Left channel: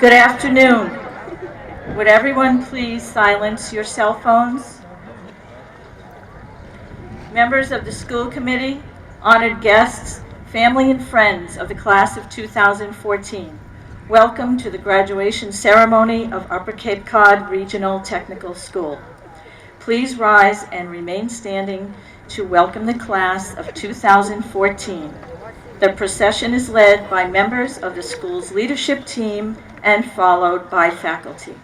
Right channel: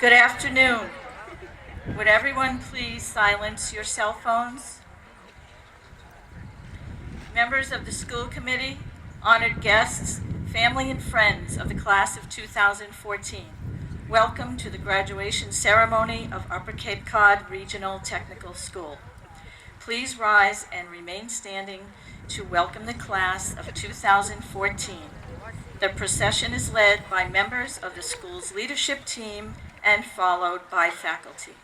Good afternoon. Would everyone please silence your cell phones? Members of the school committee, honored guests, family and friends of the class of 2014, welcome to the graduation ceremony of Upper Cape Cod Regional Technical School. Please rise and remain standing to welcome the class of 2014. The procession is led by members of the school's leadership team and followed by faculty.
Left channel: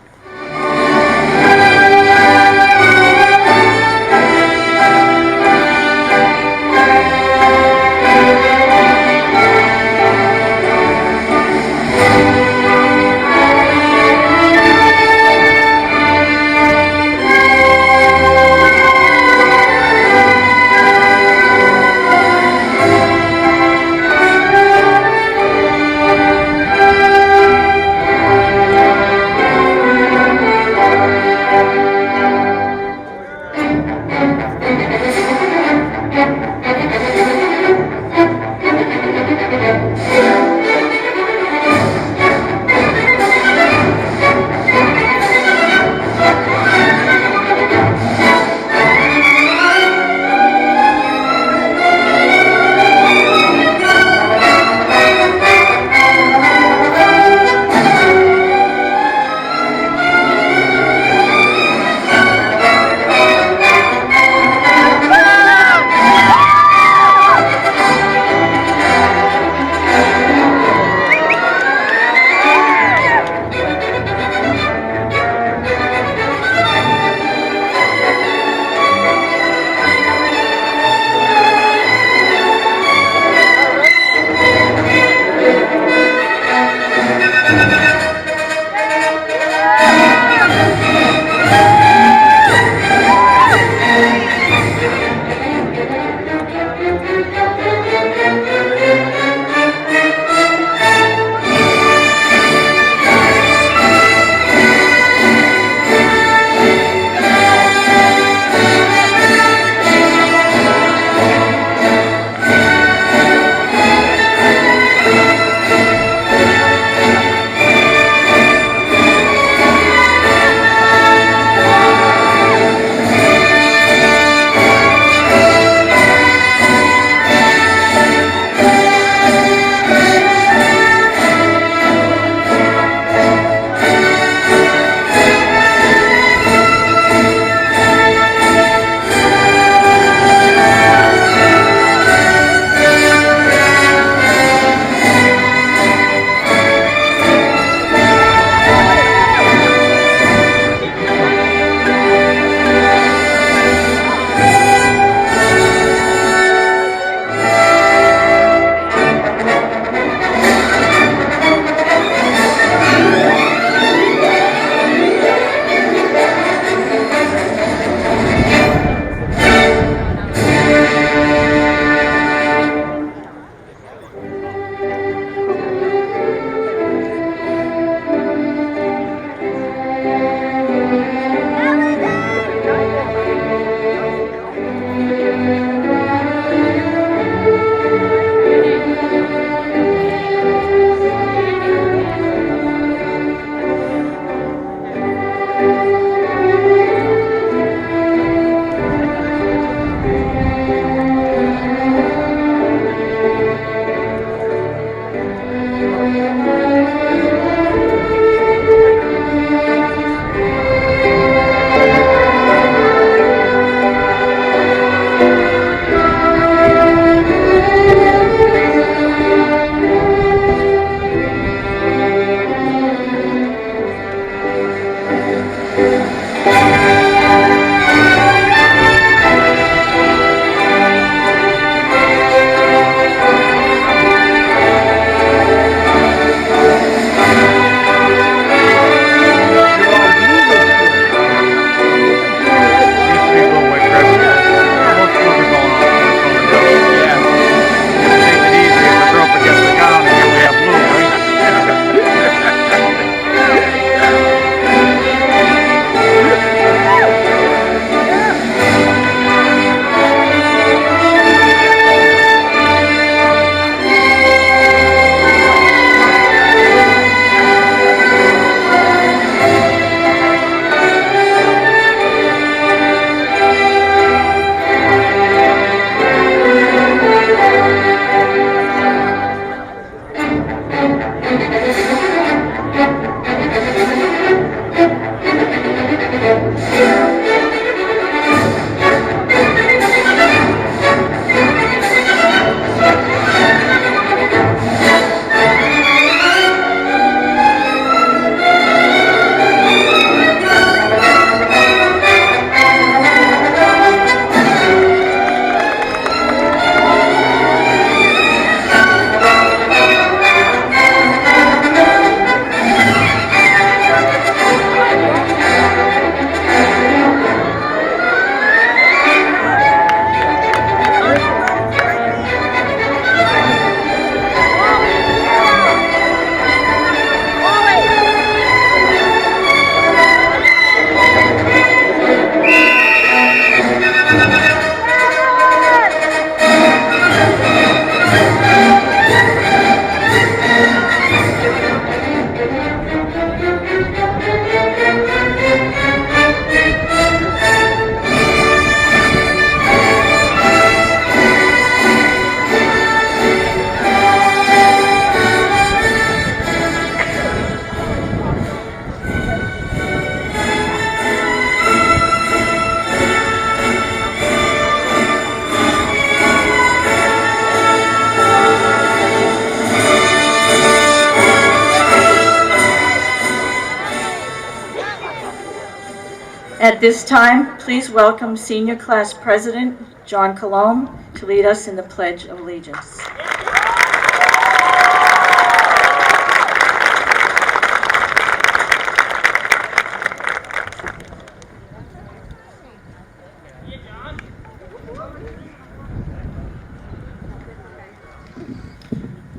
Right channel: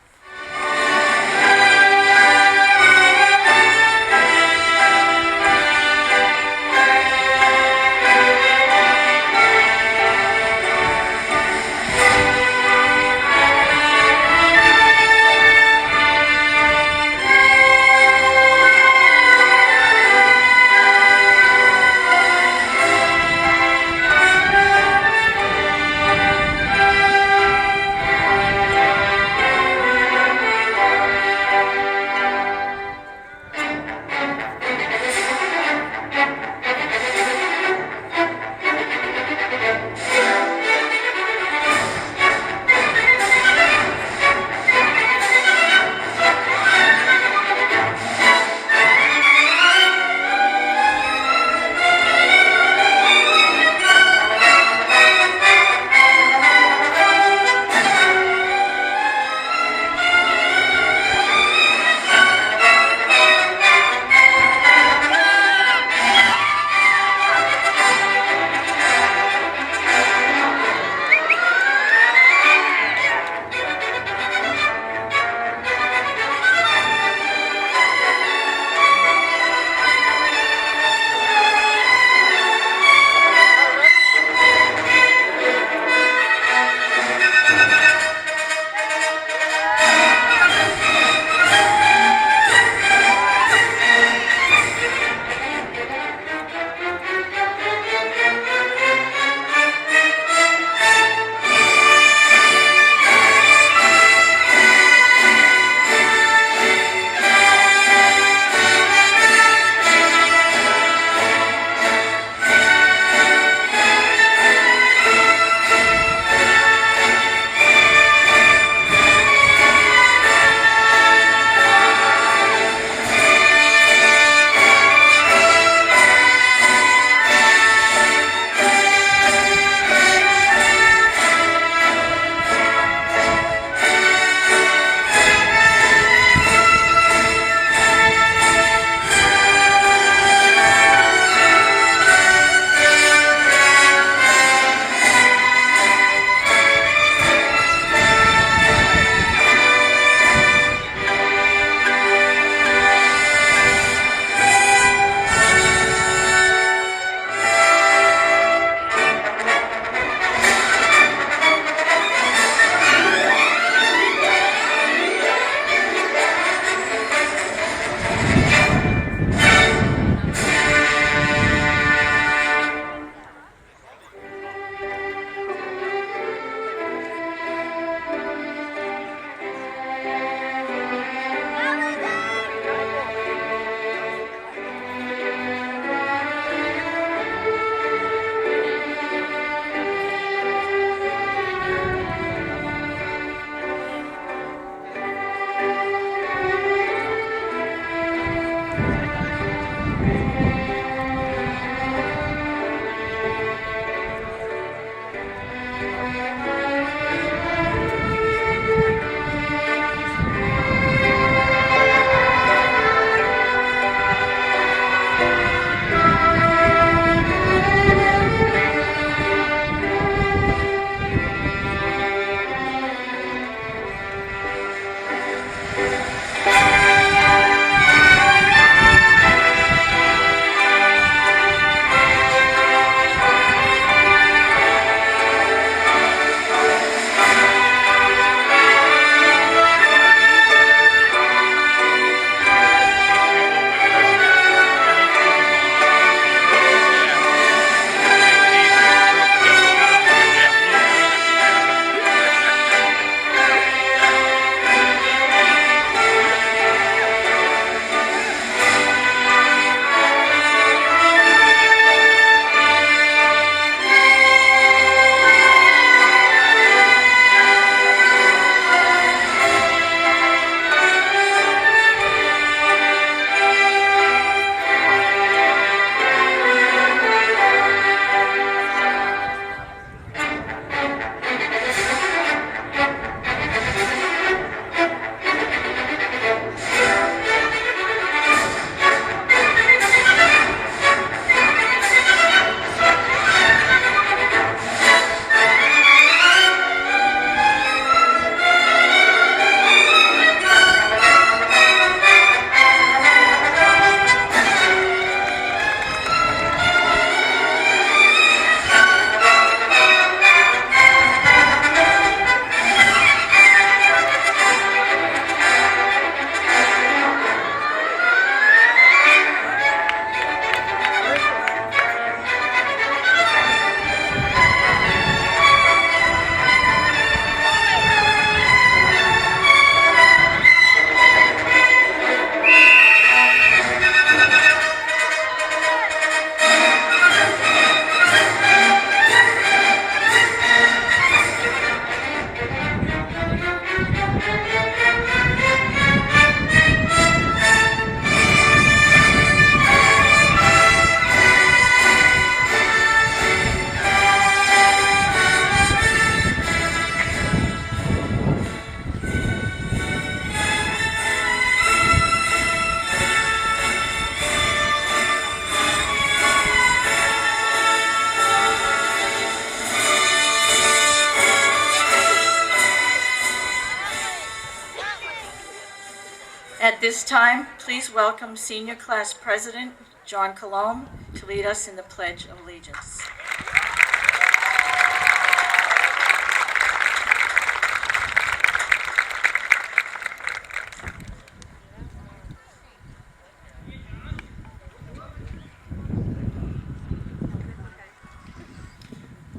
At this time, please welcome Senior Class President John Colomb to lead us in the Pledge of Allegiance.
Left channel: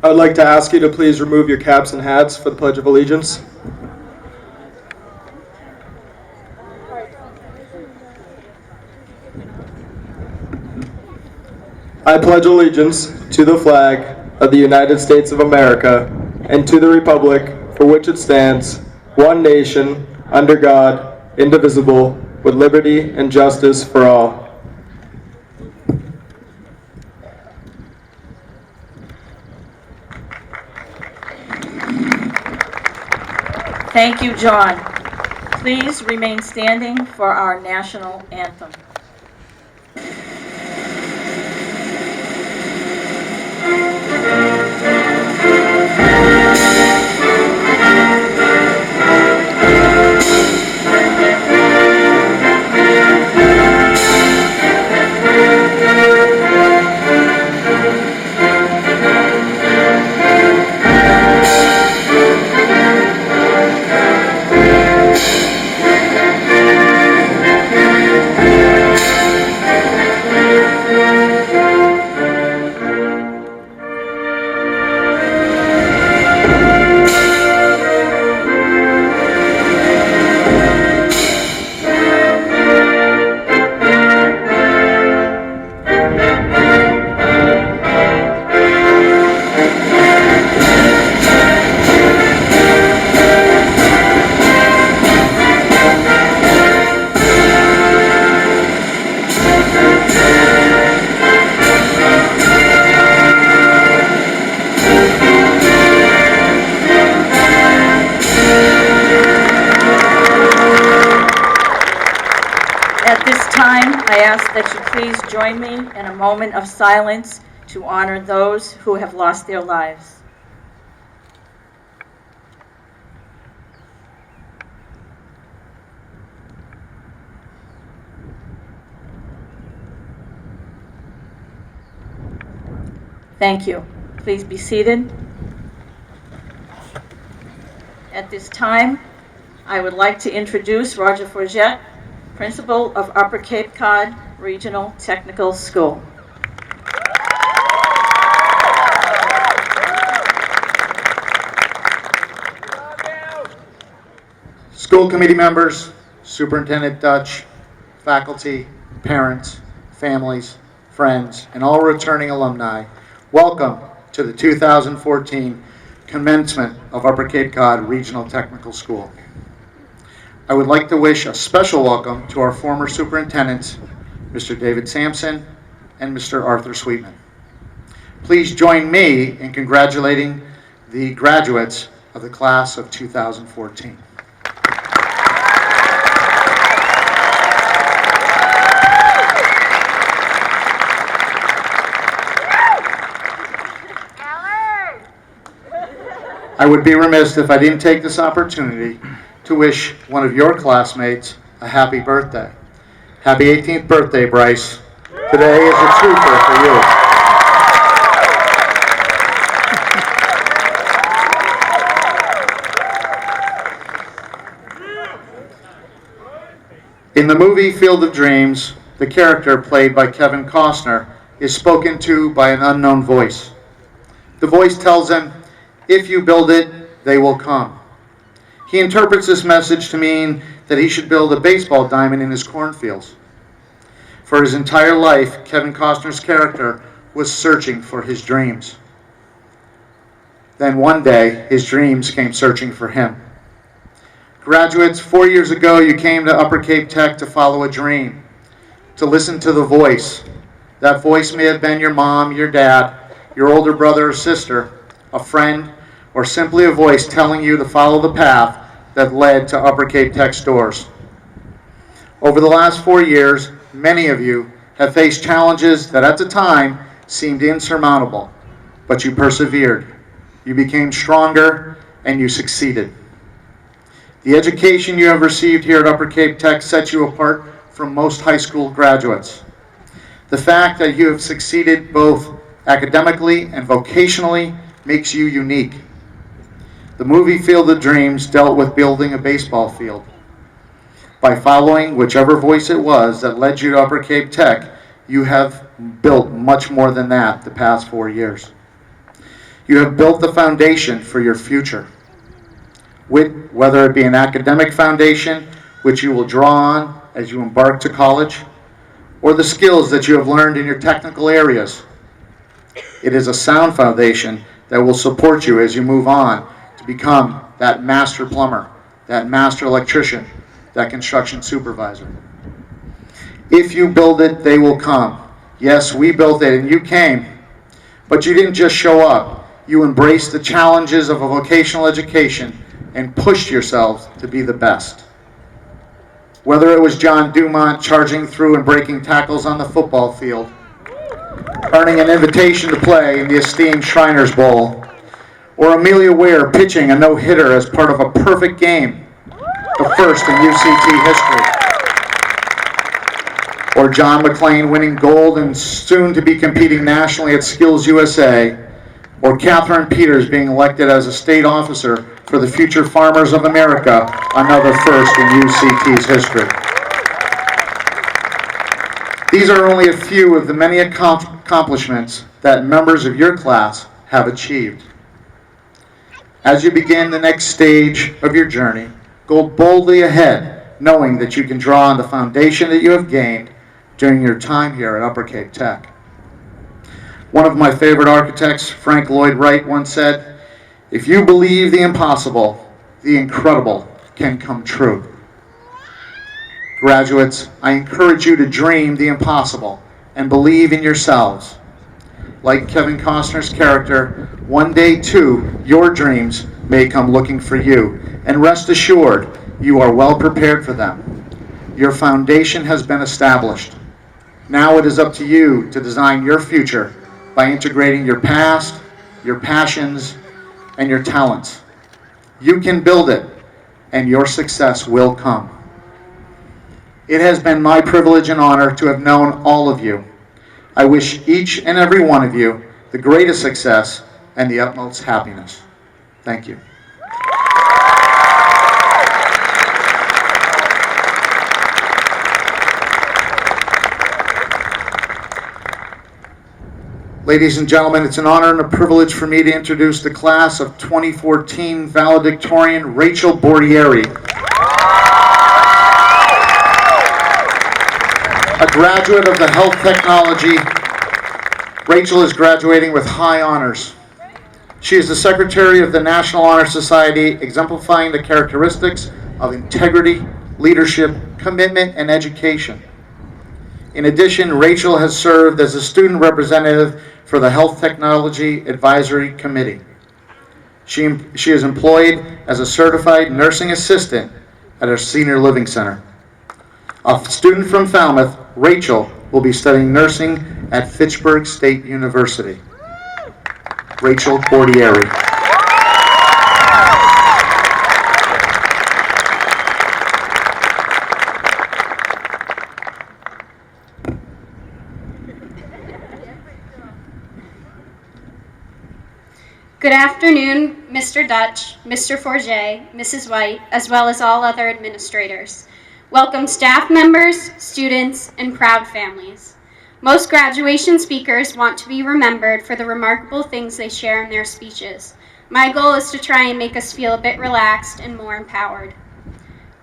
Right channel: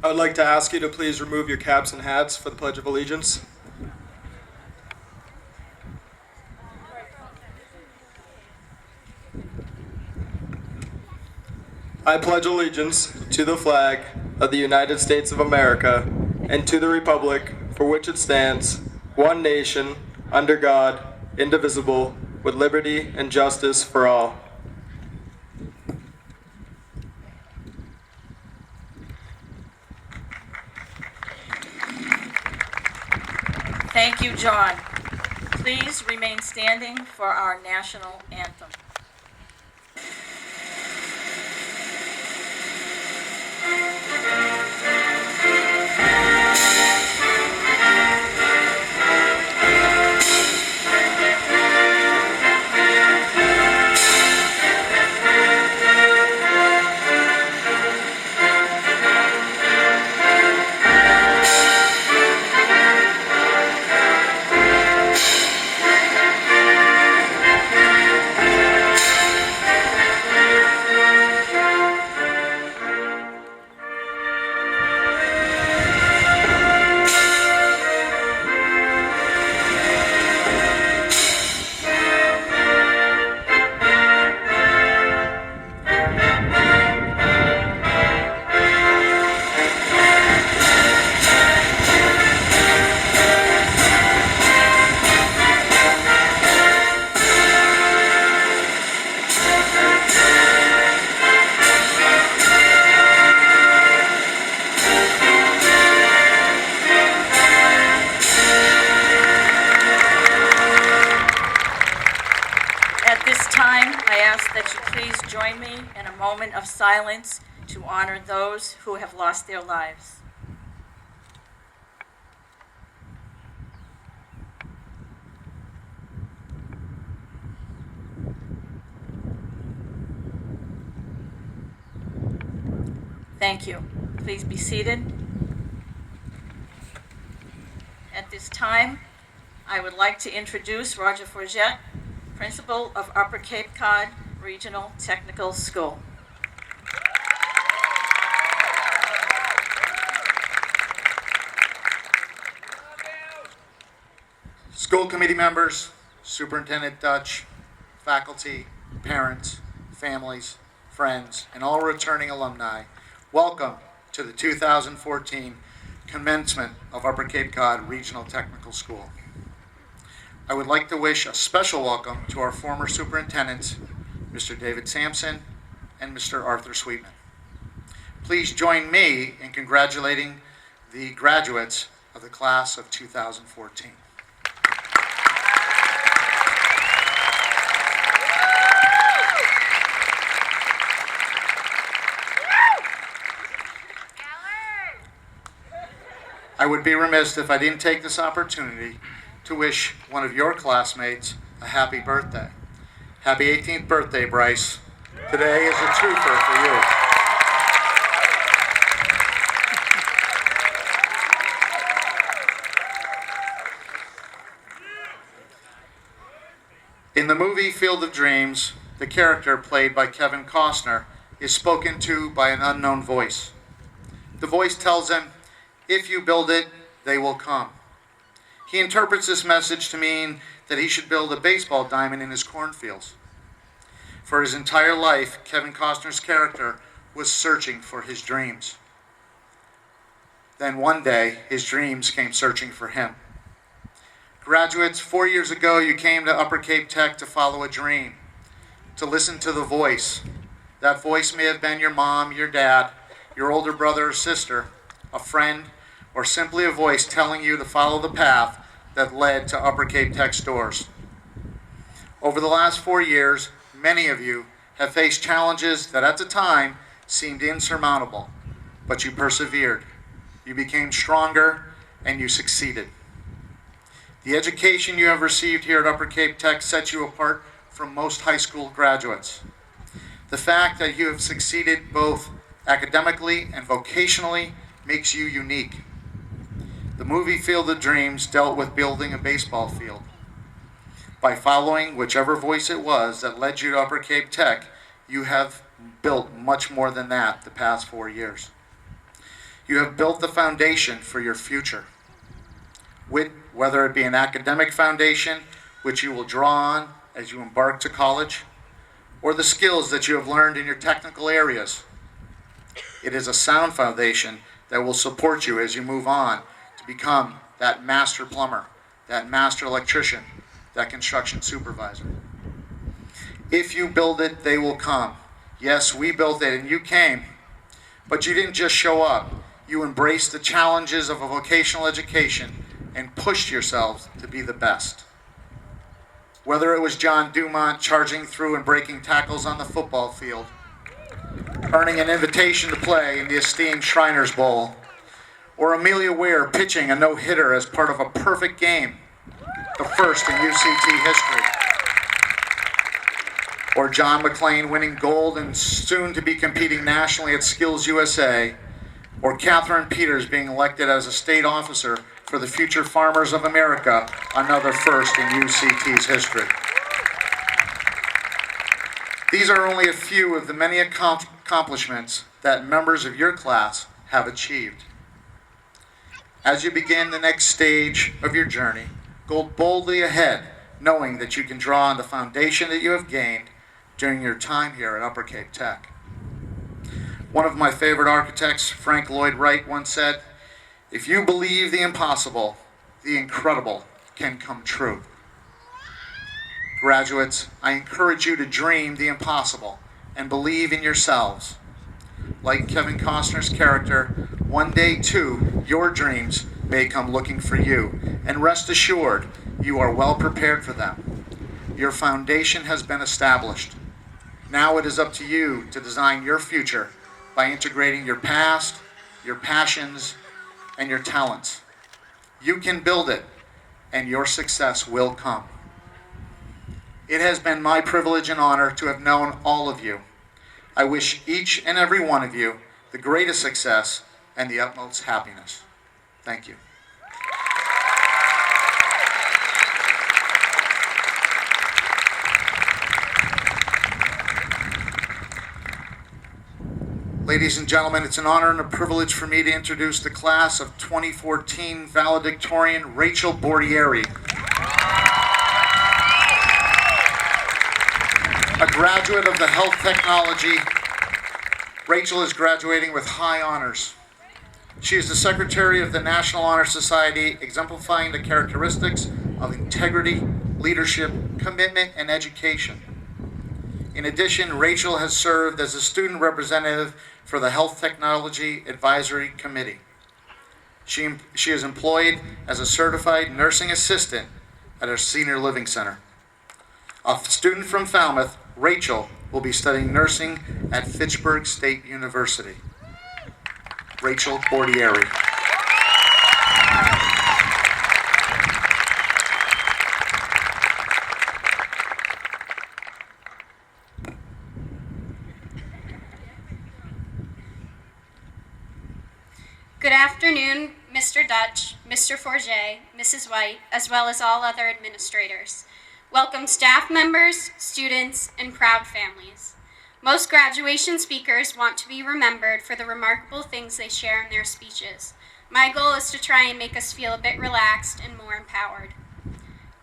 I would like to ask you to please remove your caps and hats for the Pledge of Allegiance. I pledge allegiance to the flag of the United States of America and to the republic for which it stands, one nation, under God, indivisible, with liberty and justice for all. Thank you, John. Please remain standing for our national anthem. At this time, I ask that you please join me in a moment of silence to honor those who have lost their lives. Thank you. Please be seated. At this time, I would like to introduce Roger Forget, Principal of Upper Cape Cod Regional Technical School. School committee members, Superintendent Dutch, faculty, parents, families, friends, and all returning alumni, welcome to the 2014 commencement of Upper Cape Cod Regional Technical School. I would like to wish a special welcome to our former superintendents, Mr. David Sampson and Mr. Arthur Sweetman. Please join me in congratulating the graduates of the class of 2014. I would be remiss if I didn't take this opportunity to wish one of your classmates a happy birthday. Happy 18th birthday, Bryce. Today is a trooper for you. In the movie Field of Dreams, the character played by Kevin Costner is spoken to by an unknown voice. The voice tells him, "If you build it, they will come." He interprets this message to mean that he should build a baseball diamond in his cornfields. For his entire life, Kevin Costner's character was searching for his dreams. Then one day, his dreams came searching for him. Graduates, 4 years ago, you came to Upper Cape Tech to follow a dream, to listen to the voice. That voice may have been your mom, your dad, your older brother or sister, a friend, or simply a voice telling you to follow the path that led to Upper Cape Tech's doors. Over the last 4 years, many of you have faced challenges that at the time seemed insurmountable, but you persevered. You became stronger and you succeeded. The education you have received here at Upper Cape Tech sets you apart from most high school graduates. The fact that you have succeeded both academically and vocationally makes you unique. The movie Field of Dreams dealt with building a baseball field. By following whichever voice it was that led you to Upper Cape Tech, you have built much more than that the past 4 years. You have built the foundation for your future. Whether it be an academic foundation, which you will draw on as you embark to college, or the skills that you have learned in your technical areas. It is a sound foundation that will support you as you move on to become that master plumber, that master electrician, that construction supervisor. If you build it, they will come. Yes, we built it and you came, but you didn't just show up. You embraced the challenges of a vocational education and pushed yourselves to be the best. Whether it was John Dumont charging through and breaking tackles on the football field, earning an invitation to play in the esteemed Shriners Bowl, or Amelia Ware pitching a no-hitter as part of a perfect game, the first in UCT history, or John McClain winning gold and soon to be competing nationally at Skills USA, or Catherine Peters being elected as a state officer for the Future Farmers of America, another first in UCT's history. These are only a few of the many accomplishments that members of your class have achieved. As you begin the next stage of your journey, go boldly ahead, knowing that you can draw on the foundation that you have gained during your time here at Upper Cape Tech. One of my favorite architects, Frank Lloyd Wright, once said, "If you believe the impossible, the incredible can come true." Graduates, I encourage you to dream the impossible and believe in yourselves. Like Kevin Costner's character, one day too, your dreams may come looking for you, and rest assured, you are well prepared for them. Your foundation has been established. Now it is up to you to design your future by integrating your past, your passions, and your talents. You can build it, and your success will come. It has been my privilege and honor to have known all of you. I wish each and every one of you the greatest success and the utmost happiness. Thank you. Ladies and gentlemen, it's an honor and a privilege for me to introduce the class of 2014 valedictorian Rachel Bordieri. A graduate of the health technology, Rachel is graduating with high honors. She is the secretary of the National Honor Society, exemplifying the characteristics of integrity, leadership, commitment, and education. In addition, Rachel has served as a student representative for the Health Technology Advisory Committee. She is employed as a certified nursing assistant at our senior living center. A student from Falmouth, Rachel will be studying nursing at Fitchburg State University. Rachel Bordieri. Good afternoon, Mr. Dutch, Mr. Forget, Mrs. White, as well as all other administrators. Welcome staff members, students, and proud families. Most graduation speakers want to be remembered for the remarkable things they share in their speeches. My goal is to try and make us feel a bit relaxed and more empowered.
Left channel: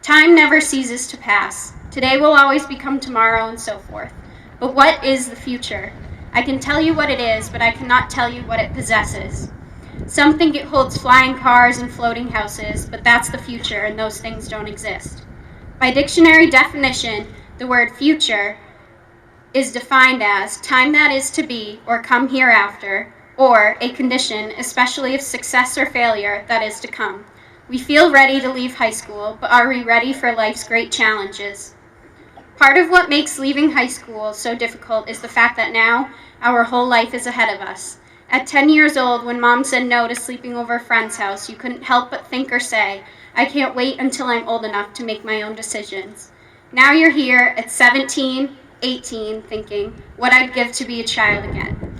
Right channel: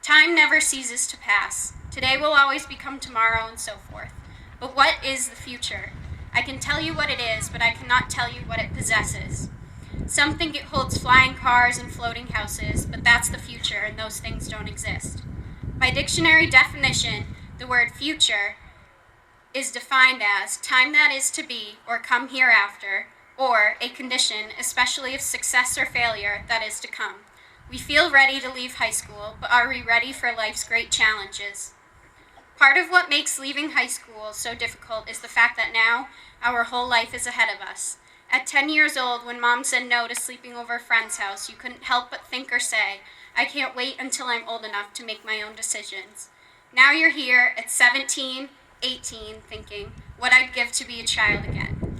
Time never ceases to pass. Today will always become tomorrow and so forth. But what is the future? I can tell you what it is, but I cannot tell you what it possesses. Some think it holds flying cars and floating houses, but that's the future, and those things don't exist. By dictionary definition, the word future is defined as time that is to be or come hereafter, or a condition, especially of success or failure, that is to come. We feel ready to leave high school, but are we ready for life's great challenges? Part of what makes leaving high school so difficult is the fact that now our whole life is ahead of us. At 10 years old, when Mom said no to sleeping over a friend's house, you couldn't help but think or say, I can't wait until I'm old enough to make my own decisions. Now you're here at 17, 18, thinking, what I'd give to be a child again.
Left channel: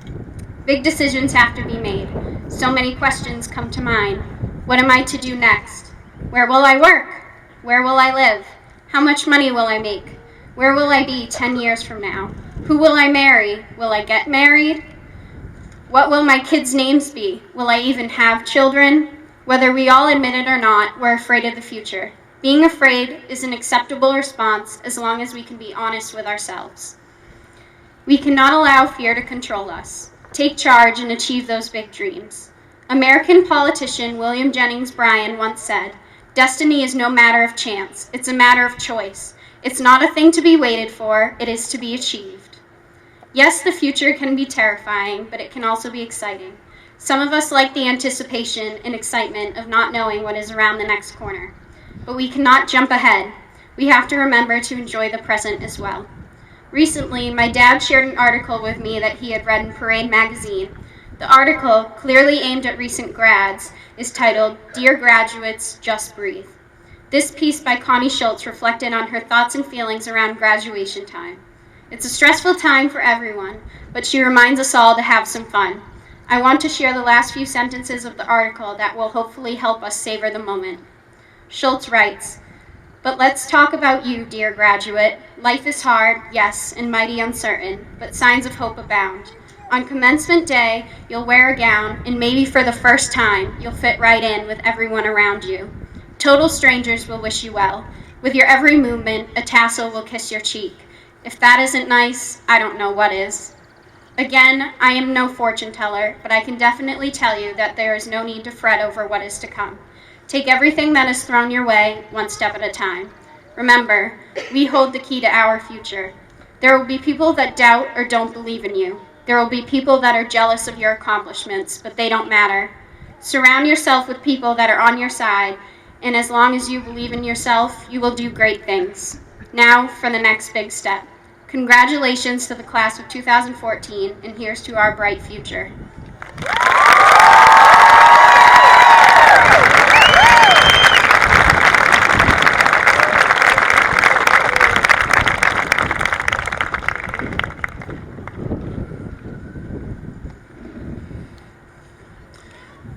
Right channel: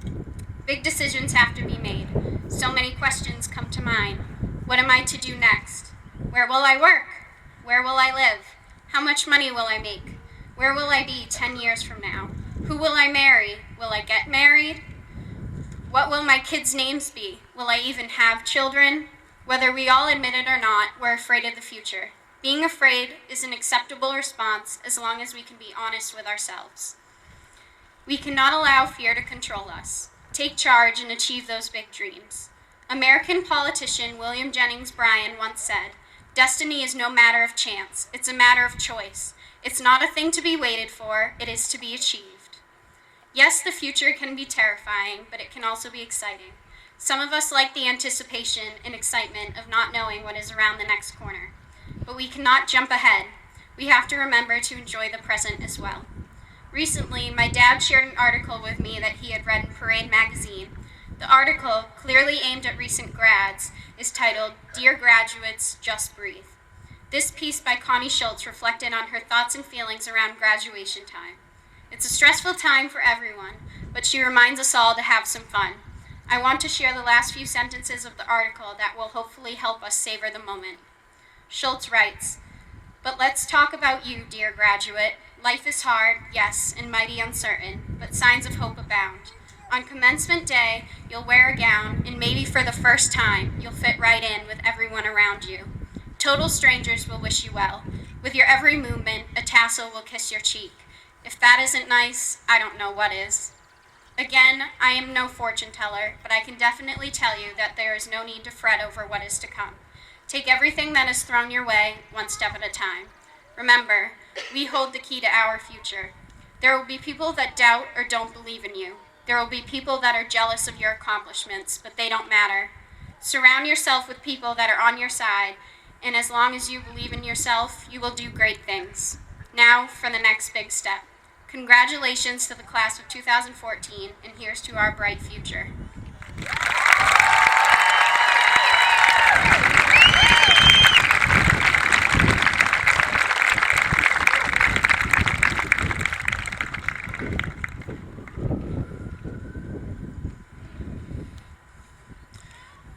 Big decisions have to be made. So many questions come to mind. What am I to do next? Where will I work? Where will I live? How much money will I make? Where will I be 10 years from now? Who will I marry? Will I get married? What will my kids' names be? Will I even have children? Whether we all admit it or not, we're afraid of the future. Being afraid is an acceptable response as long as we can be honest with ourselves. We cannot allow fear to control us. Take charge and achieve those big dreams. American politician William Jennings Bryan once said, destiny is no matter of chance, it's a matter of choice. It's not a thing to be waited for, it is to be achieved. Yes, the future can be terrifying, but it can also be exciting. Some of us like the anticipation and excitement of not knowing what is around the next corner. But we cannot jump ahead. We have to remember to enjoy the present as well. Recently, my dad shared an article with me that he had read in Parade magazine. The article, clearly aimed at recent grads, is titled, Dear Graduates, Just Breathe. This piece by Connie Schultz reflected on her thoughts and feelings around graduation time. It's a stressful time for everyone, but she reminds us all to have some fun. I want to share the last few sentences of the article that will hopefully help us savor the moment. Schultz writes, but let's talk about you, dear graduate. Life is hard, yes, and mighty uncertain, but signs of hope abound. On commencement day, you'll wear a gown, and maybe for the first time, you'll fit right in with everyone around you. Total strangers will wish you well. With your every movement, a tassel will kiss your cheek. If that isn't nice, I don't know what is. Again, I am no fortune teller, but I can definitely tell you that there is no need to fret over what is to come. Take everything that is thrown your way, one step at a time. Remember, we hold the key to our future. There will be people that doubt or don't believe in you. There will be people that are jealous of your accomplishments, but they don't matter. Surround yourself with people that are on your side, and as long as you believe in yourself, you will do great things. Now for the next big step. Congratulations to the class of 2014, and here's to our bright future.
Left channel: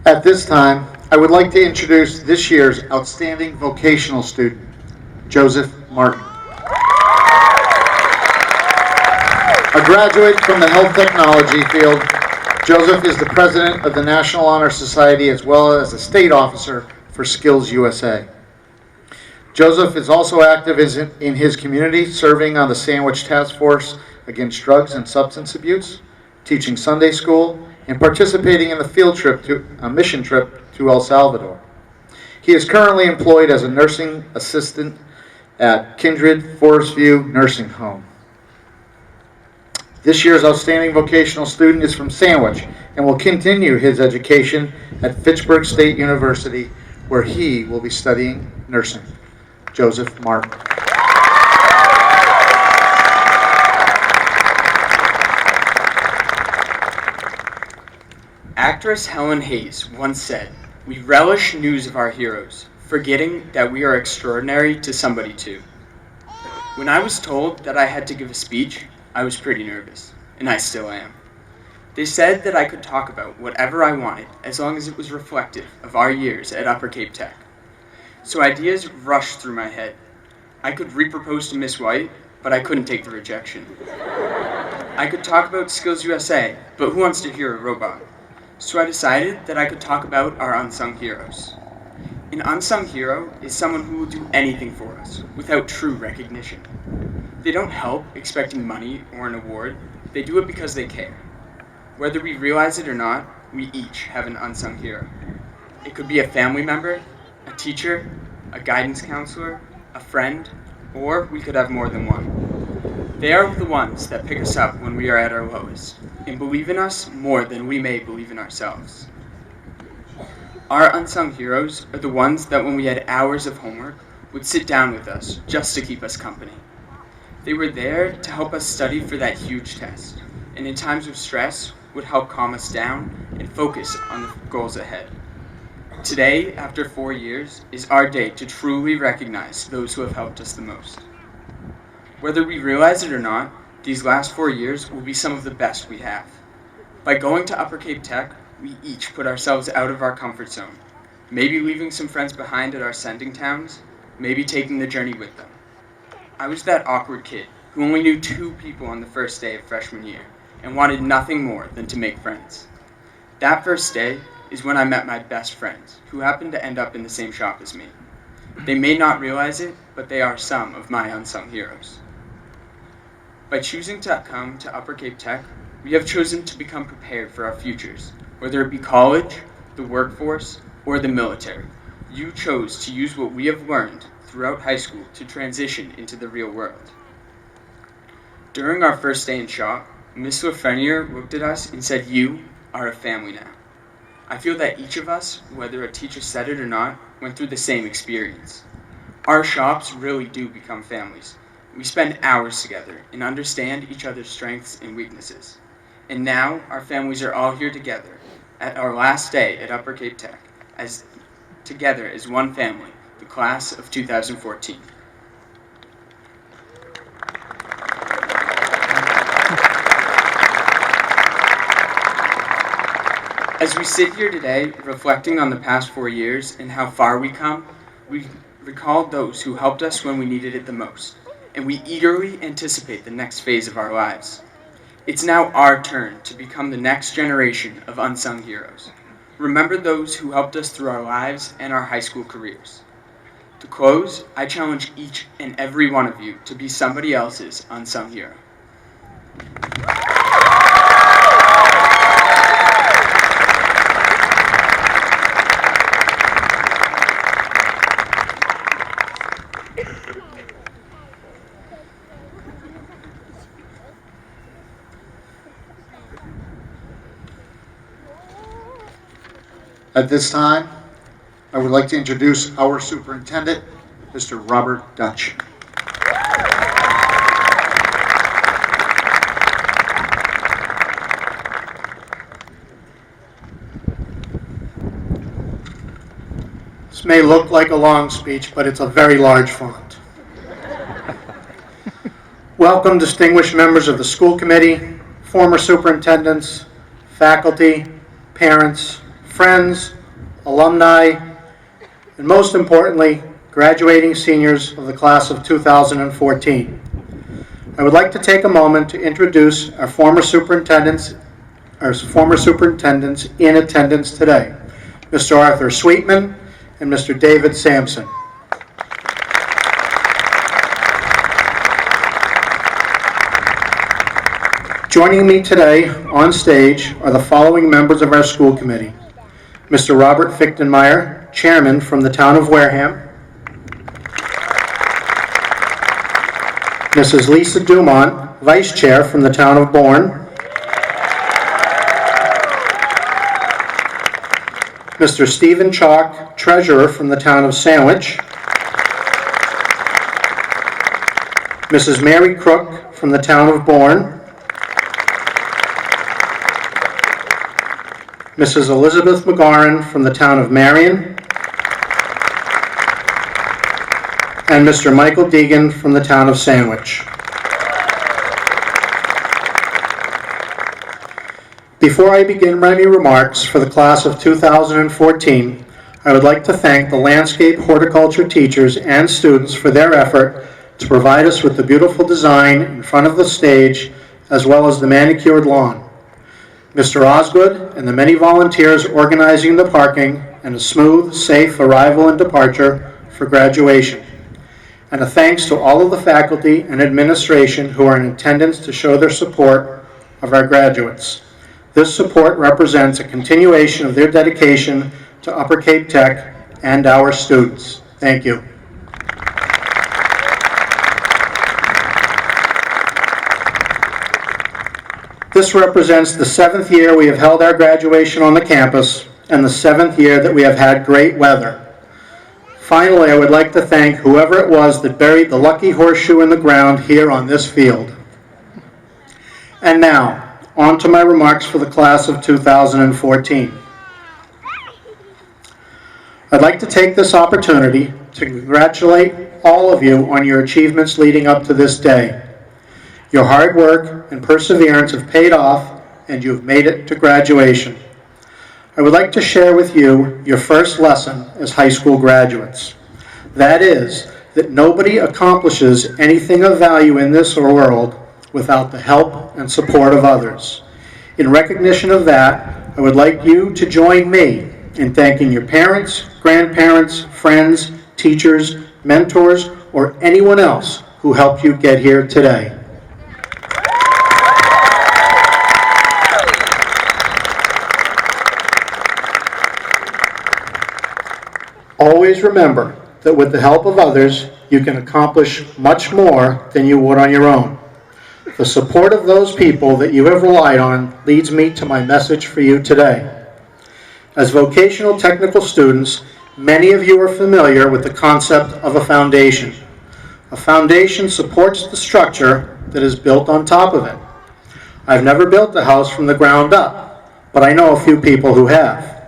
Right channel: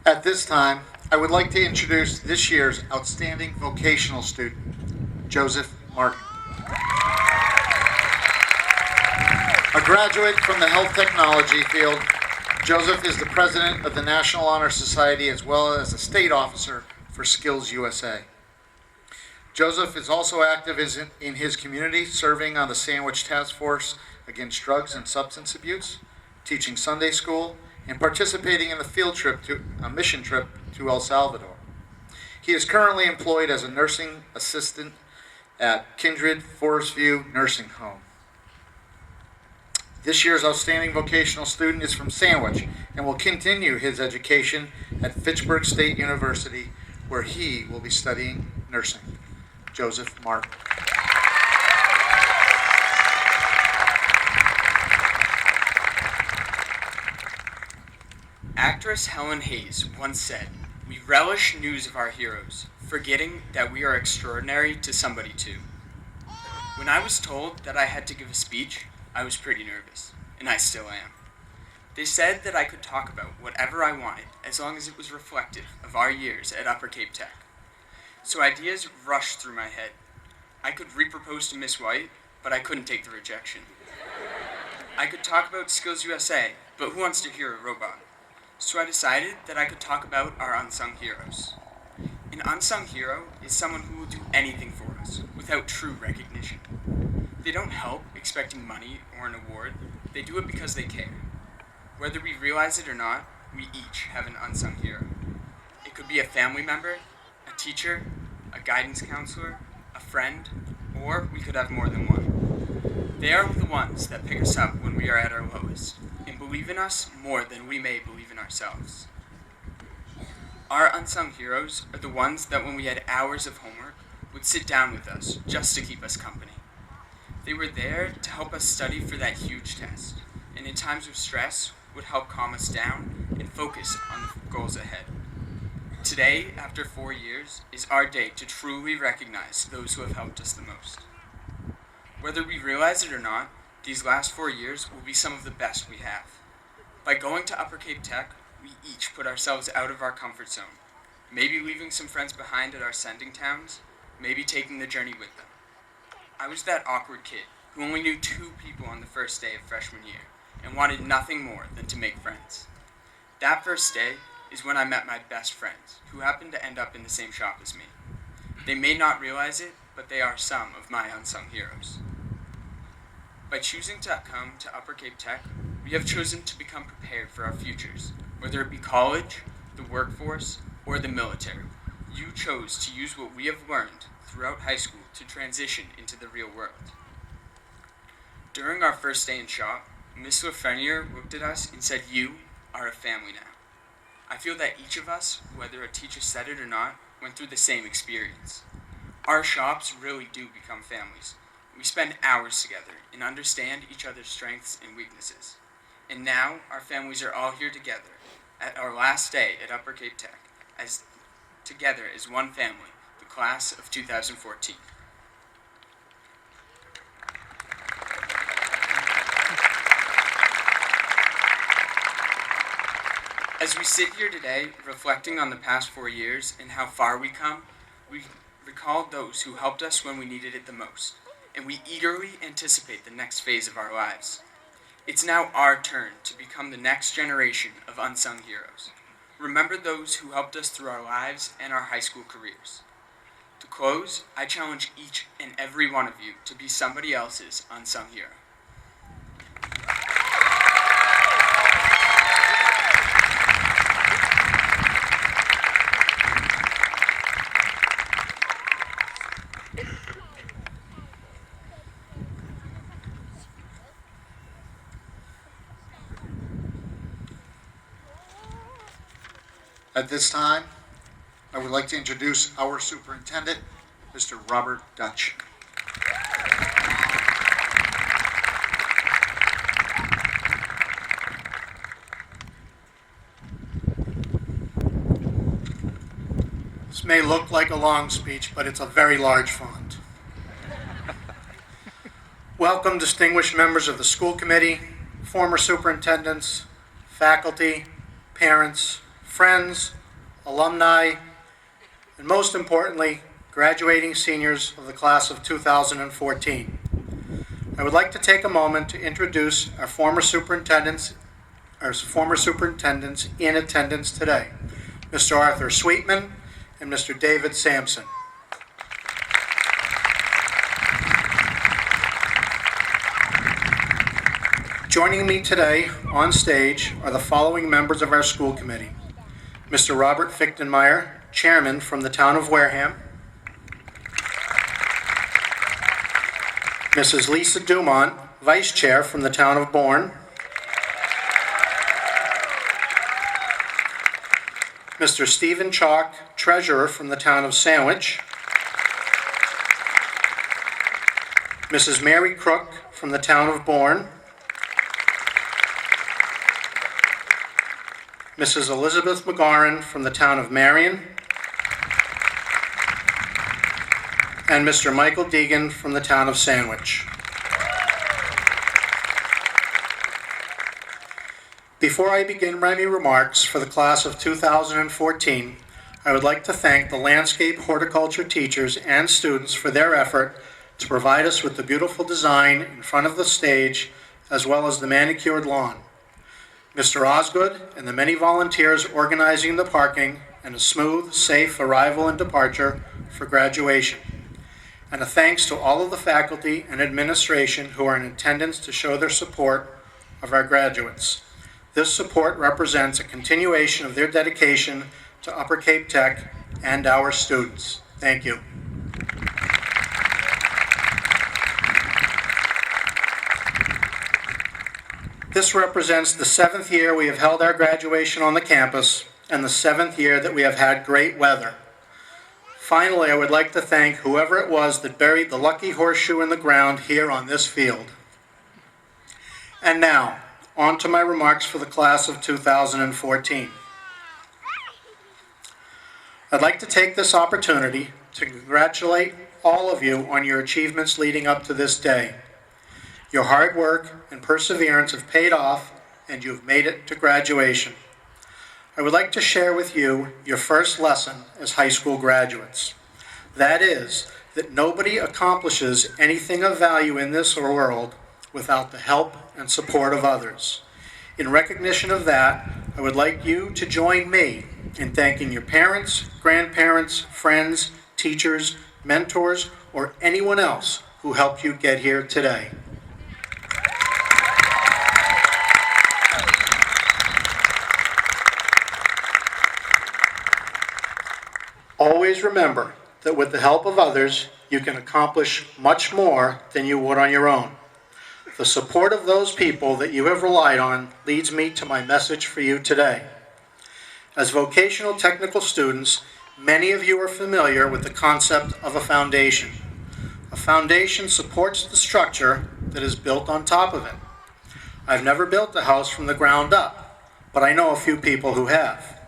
At this time, I would like to introduce this year's outstanding vocational student, Joseph Martin. A graduate from the health technology field, Joseph is the president of the National Honor Society as well as a state officer for Skills USA. Joseph is also active in his community, serving on the Sandwich Task Force against drugs and substance abuse, teaching Sunday school, and participating in a mission trip to El Salvador. He is currently employed as a nursing assistant at Kindred Forest View Nursing Home. This year's outstanding vocational student is from Sandwich and will continue his education at Fitchburg State University, where he will be studying nursing. Joseph Martin. Actress Helen Hayes once said, "We relish news of our heroes, forgetting that we are extraordinary to somebody too." When I was told that I had to give a speech, I was pretty nervous, and I still am. They said that I could talk about whatever I wanted as long as it was reflective of our years at Upper Cape Tech. So ideas rushed through my head. I could repropose to Miss White, but I couldn't take the rejection. I could talk about Skills USA, but who wants to hear a robot? So I decided that I could talk about our unsung heroes. An unsung hero is someone who will do anything for us without true recognition. They don't help expecting money or an award. They do it because they care. Whether we realize it or not, we each have an unsung hero. It could be a family member, a teacher, a guidance counselor, a friend, or we could have more than one. They are the ones that pick us up when we are at our lowest and believe in us more than we may believe in ourselves. Our unsung heroes are the ones that when we had hours of homework would sit down with us just to keep us company. They were there to help us study for that huge test, and in times of stress, would help calm us down and focus on the goals ahead. Today, after 4 years, is our day to truly recognize those who have helped us the most. Whether we realize it or not, these last 4 years will be some of the best we have. By going to Upper Cape Tech, we each put ourselves out of our comfort zone, maybe leaving some friends behind at our sending towns, maybe taking the journey with them. I was that awkward kid who only knew 2 people on the first day of freshman year and wanted nothing more than to make friends. That first day is when I met my best friends, who happened to end up in the same shop as me. They may not realize it, but they are some of my unsung heroes. By choosing to come to Upper Cape Tech, we have chosen to become prepared for our futures, whether it be college, the workforce, or the military. You chose to use what we have learned throughout high school to transition into the real world. During our first day in shop, Miss Lafreniere looked at us and said, "You are a family now." I feel that each of us, whether a teacher said it or not, went through the same experience. Our shops really do become families. We spend hours together and understand each other's strengths and weaknesses. And now our families are all here together at our last day at Upper Cape Tech, together as one family, the class of 2014. As we sit here today, reflecting on the past 4 years and how far we come, we recall those who helped us when we needed it the most, and we eagerly anticipate the next phase of our lives. It's now our turn to become the next generation of unsung heroes. Remember those who helped us through our lives and our high school careers. To close, I challenge each and every one of you to be somebody else's unsung hero. At this time, I would like to introduce our superintendent, Mr. Robert Dutch. This may look like a long speech, but it's a very large font. Welcome, distinguished members of the school committee, former superintendents, faculty, parents, friends, alumni, and most importantly, graduating seniors of the class of 2014. I would like to take a moment to introduce our former superintendents in attendance today, Mr. Arthur Sweetman and Mr. David Sampson. Joining me today on stage are the following members of our school committee: Mr. Robert Fichtenmeyer, Chairman from the town of Wareham; Mrs. Lisa Dumont, Vice Chair from the town of Bourne; Mr. Stephen Chalk, Treasurer from the town of Sandwich; Mrs. Mary Crook from the town of Bourne; Mrs. Elizabeth McGarren from the town of Marion; and Mr. Michael Deegan from the town of Sandwich. Before I begin my remarks for the class of 2014, I would like to thank the landscape horticulture teachers and students for their effort to provide us with the beautiful design in front of the stage, as well as the manicured lawn. Mr. Osgood and the many volunteers organizing the parking and a smooth, safe arrival and departure for graduation. And a thanks to all of the faculty and administration who are in attendance to show their support of our graduates. This support represents a continuation of their dedication to Upper Cape Tech and our students. Thank you. This represents the 7th year we have held our graduation on the campus and the 7th year that we have had great weather. Finally, I would like to thank whoever it was that buried the lucky horseshoe in the ground here on this field. And now, on to my remarks for the class of 2014. I'd like to take this opportunity to congratulate all of you on your achievements leading up to this day. Your hard work and perseverance have paid off, and you have made it to graduation. I would like to share with you your first lesson as high school graduates. That is, that nobody accomplishes anything of value in this world without the help and support of others. In recognition of that, I would like you to join me in thanking your parents, grandparents, friends, teachers, mentors, or anyone else who helped you get here today. Always remember that with the help of others, you can accomplish much more than you would on your own. The support of those people that you have relied on leads me to my message for you today. As vocational technical students, many of you are familiar with the concept of a foundation. A foundation supports the structure that is built on top of it. I've never built a house from the ground up, but I know a few people who have.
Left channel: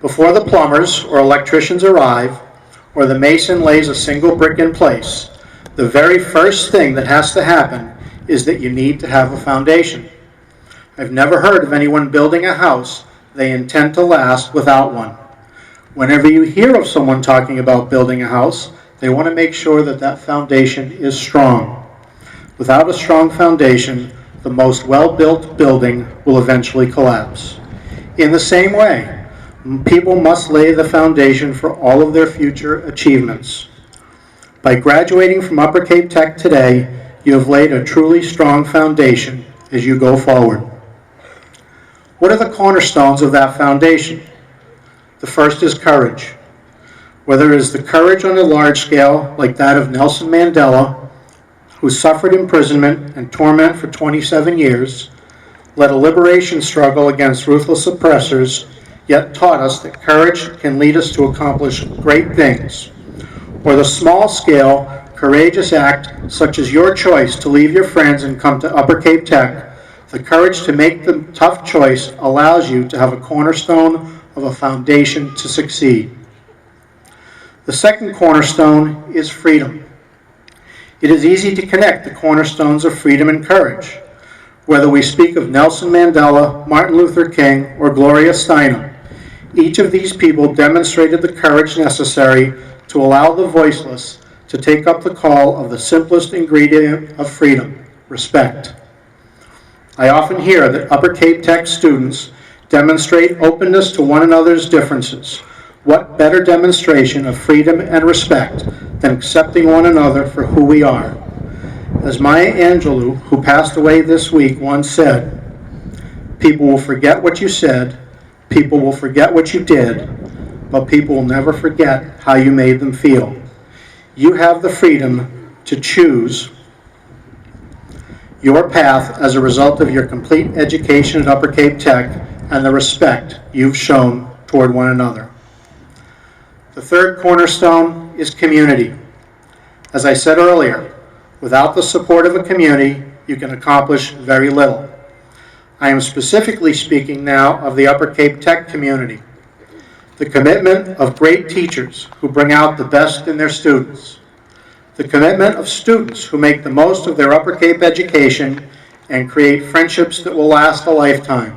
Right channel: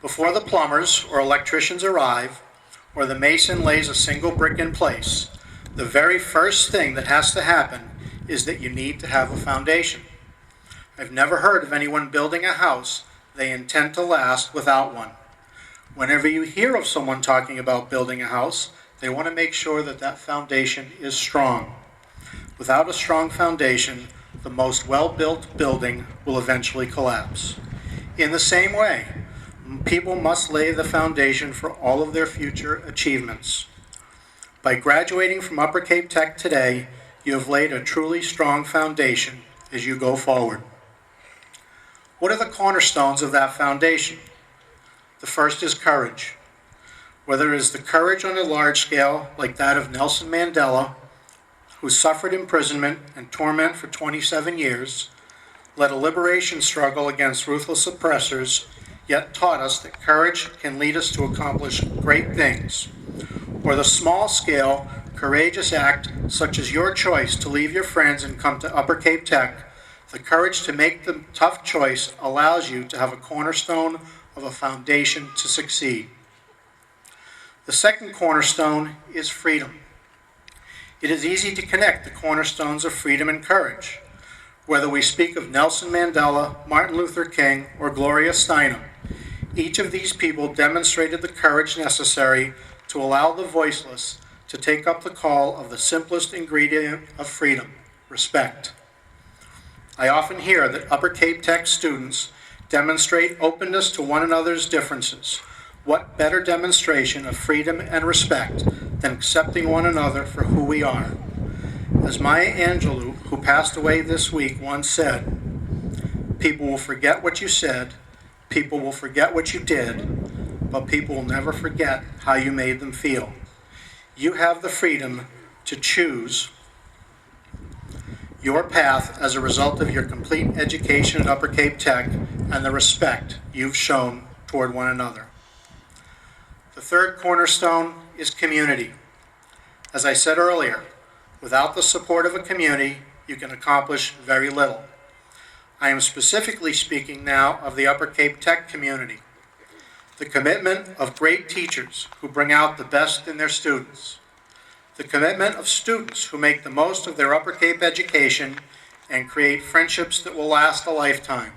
Before the plumbers or electricians arrive, or the mason lays a single brick in place, the very first thing that has to happen is that you need to have a foundation. I've never heard of anyone building a house they intend to last without one. Whenever you hear of someone talking about building a house, they want to make sure that that foundation is strong. Without a strong foundation, the most well-built building will eventually collapse. In the same way, people must lay the foundation for all of their future achievements. By graduating from Upper Cape Tech today, you have laid a truly strong foundation as you go forward. What are the cornerstones of that foundation? The first is courage. Whether it is the courage on a large scale, like that of Nelson Mandela, who suffered imprisonment and torment for 27 years, led a liberation struggle against ruthless oppressors, yet taught us that courage can lead us to accomplish great things. Or the small-scale, courageous act, such as your choice to leave your friends and come to Upper Cape Tech. The courage to make the tough choice allows you to have a cornerstone of a foundation to succeed. The second cornerstone is freedom. It is easy to connect the cornerstones of freedom and courage. Whether we speak of Nelson Mandela, Martin Luther King, or Gloria Steinem, each of these people demonstrated the courage necessary to allow the voiceless to take up the call of the simplest ingredient of freedom, respect. I often hear that Upper Cape Tech students demonstrate openness to one another's differences. What better demonstration of freedom and respect than accepting one another for who we are? As Maya Angelou, who passed away this week, once said, "People will forget what you said, people will forget what you did, but people will never forget how you made them feel." You have the freedom to choose your path as a result of your complete education at Upper Cape Tech and the respect you've shown toward one another. The third cornerstone is community. As I said earlier, without the support of a community, you can accomplish very little. I am specifically speaking now of the Upper Cape Tech community. The commitment of great teachers who bring out the best in their students. The commitment of students who make the most of their Upper Cape education and create friendships that will last a lifetime.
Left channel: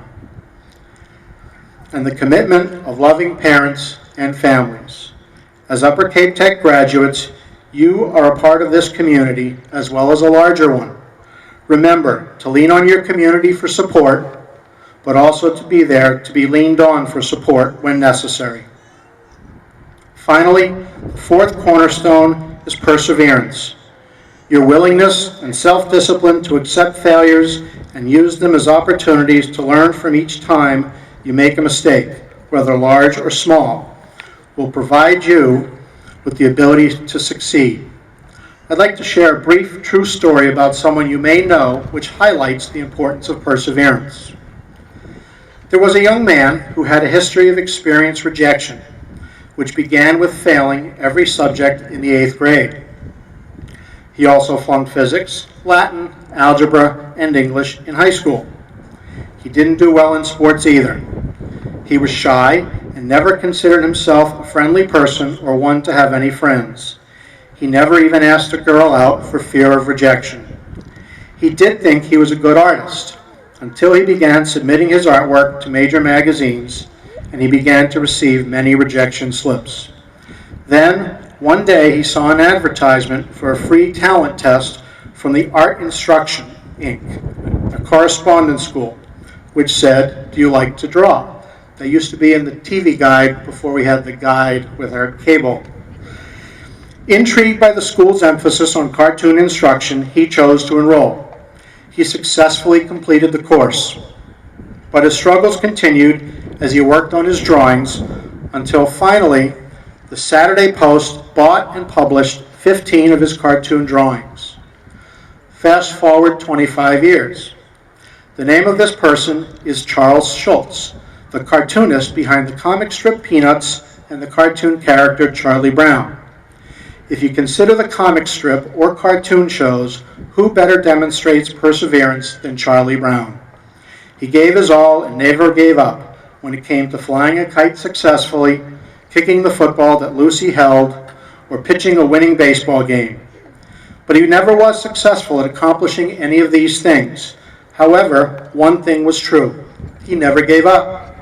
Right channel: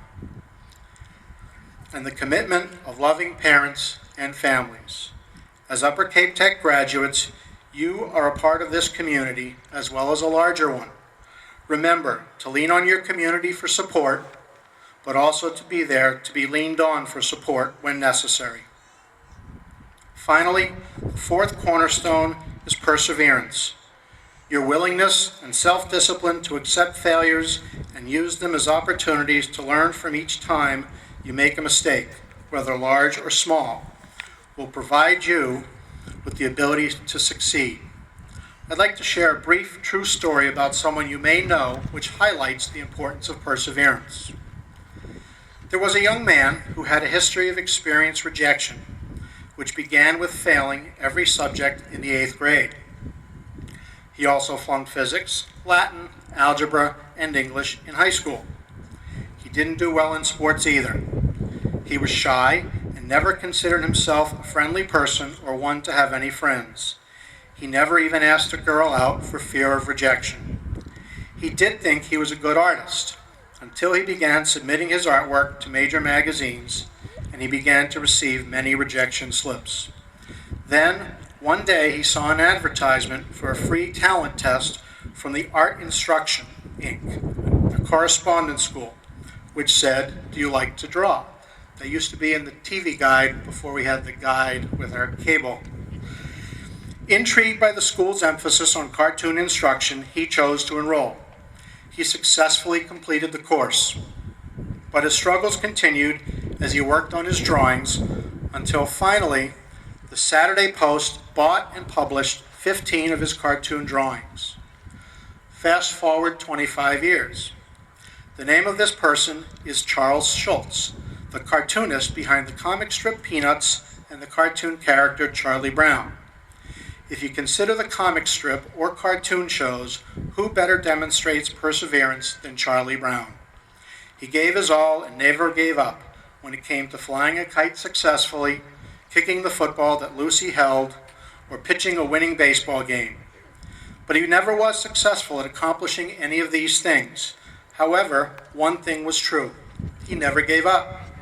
And the commitment of loving parents and families. As Upper Cape Tech graduates, you are a part of this community as well as a larger one. Remember to lean on your community for support, but also to be there to be leaned on for support when necessary. Finally, the fourth cornerstone is perseverance. Your willingness and self-discipline to accept failures and use them as opportunities to learn from each time you make a mistake, whether large or small, will provide you with the ability to succeed. I'd like to share a brief true story about someone you may know which highlights the importance of perseverance. There was a young man who had a history of experienced rejection, which began with failing every subject in the 8th grade. He also flunked physics, Latin, algebra, and English in high school. He didn't do well in sports either. He was shy and never considered himself a friendly person or one to have any friends. He never even asked a girl out for fear of rejection. He did think he was a good artist until he began submitting his artwork to major magazines and he began to receive many rejection slips. Then, one day he saw an advertisement for a free talent test from the Art Instruction, Inc., a correspondence school, which said, "Do you like to draw?" They used to be in the TV guide before we had the guide with our cable. Intrigued by the school's emphasis on cartoon instruction, he chose to enroll. He successfully completed the course, but his struggles continued as he worked on his drawings until finally the Saturday Post bought and published 15 of his cartoon drawings. Fast forward 25 years. The name of this person is Charles Schulz, the cartoonist behind the comic strip Peanuts and the cartoon character Charlie Brown. If you consider the comic strip or cartoon shows, who better demonstrates perseverance than Charlie Brown? He gave his all and never gave up when it came to flying a kite successfully, kicking the football that Lucy held, or pitching a winning baseball game. But he never was successful at accomplishing any of these things. However, one thing was true. He never gave up.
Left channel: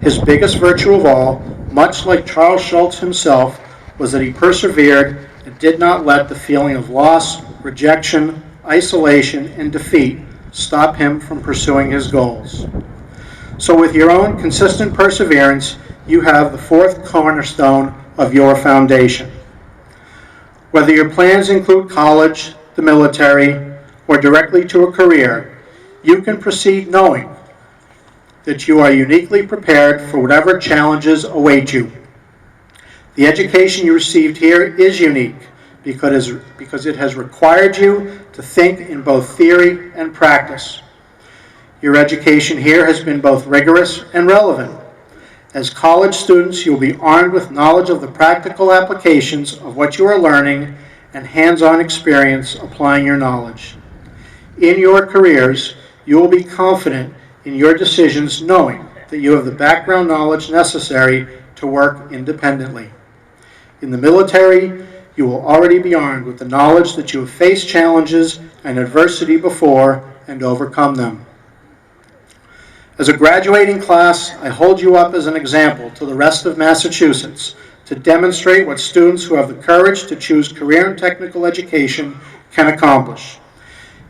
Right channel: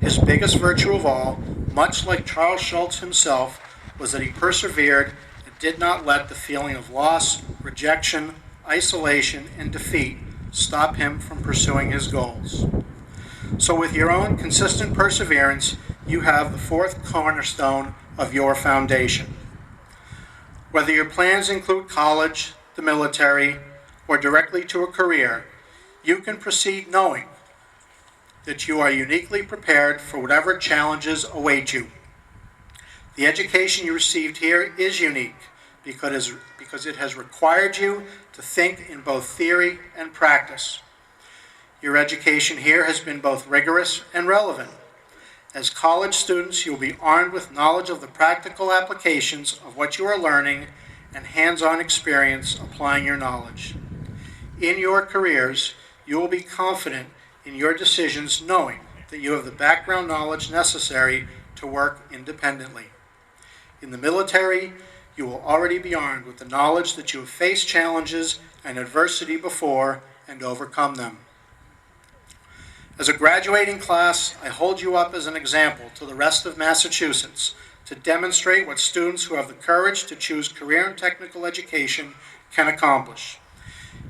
His biggest virtue of all, much like Charles Schulz himself, was that he persevered and did not let the feeling of loss, rejection, isolation, and defeat stop him from pursuing his goals. So with your own consistent perseverance, you have the fourth cornerstone of your foundation. Whether your plans include college, the military, or directly to a career, you can proceed knowing that you are uniquely prepared for whatever challenges await you. The education you received here is unique because it has required you to think in both theory and practice. Your education here has been both rigorous and relevant. As college students, you will be armed with knowledge of the practical applications of what you are learning and hands-on experience applying your knowledge. In your careers, you will be confident in your decisions knowing that you have the background knowledge necessary to work independently. In the military, you will already be armed with the knowledge that you have faced challenges and adversity before and overcome them. As a graduating class, I hold you up as an example to the rest of Massachusetts to demonstrate what students who have the courage to choose career and technical education can accomplish.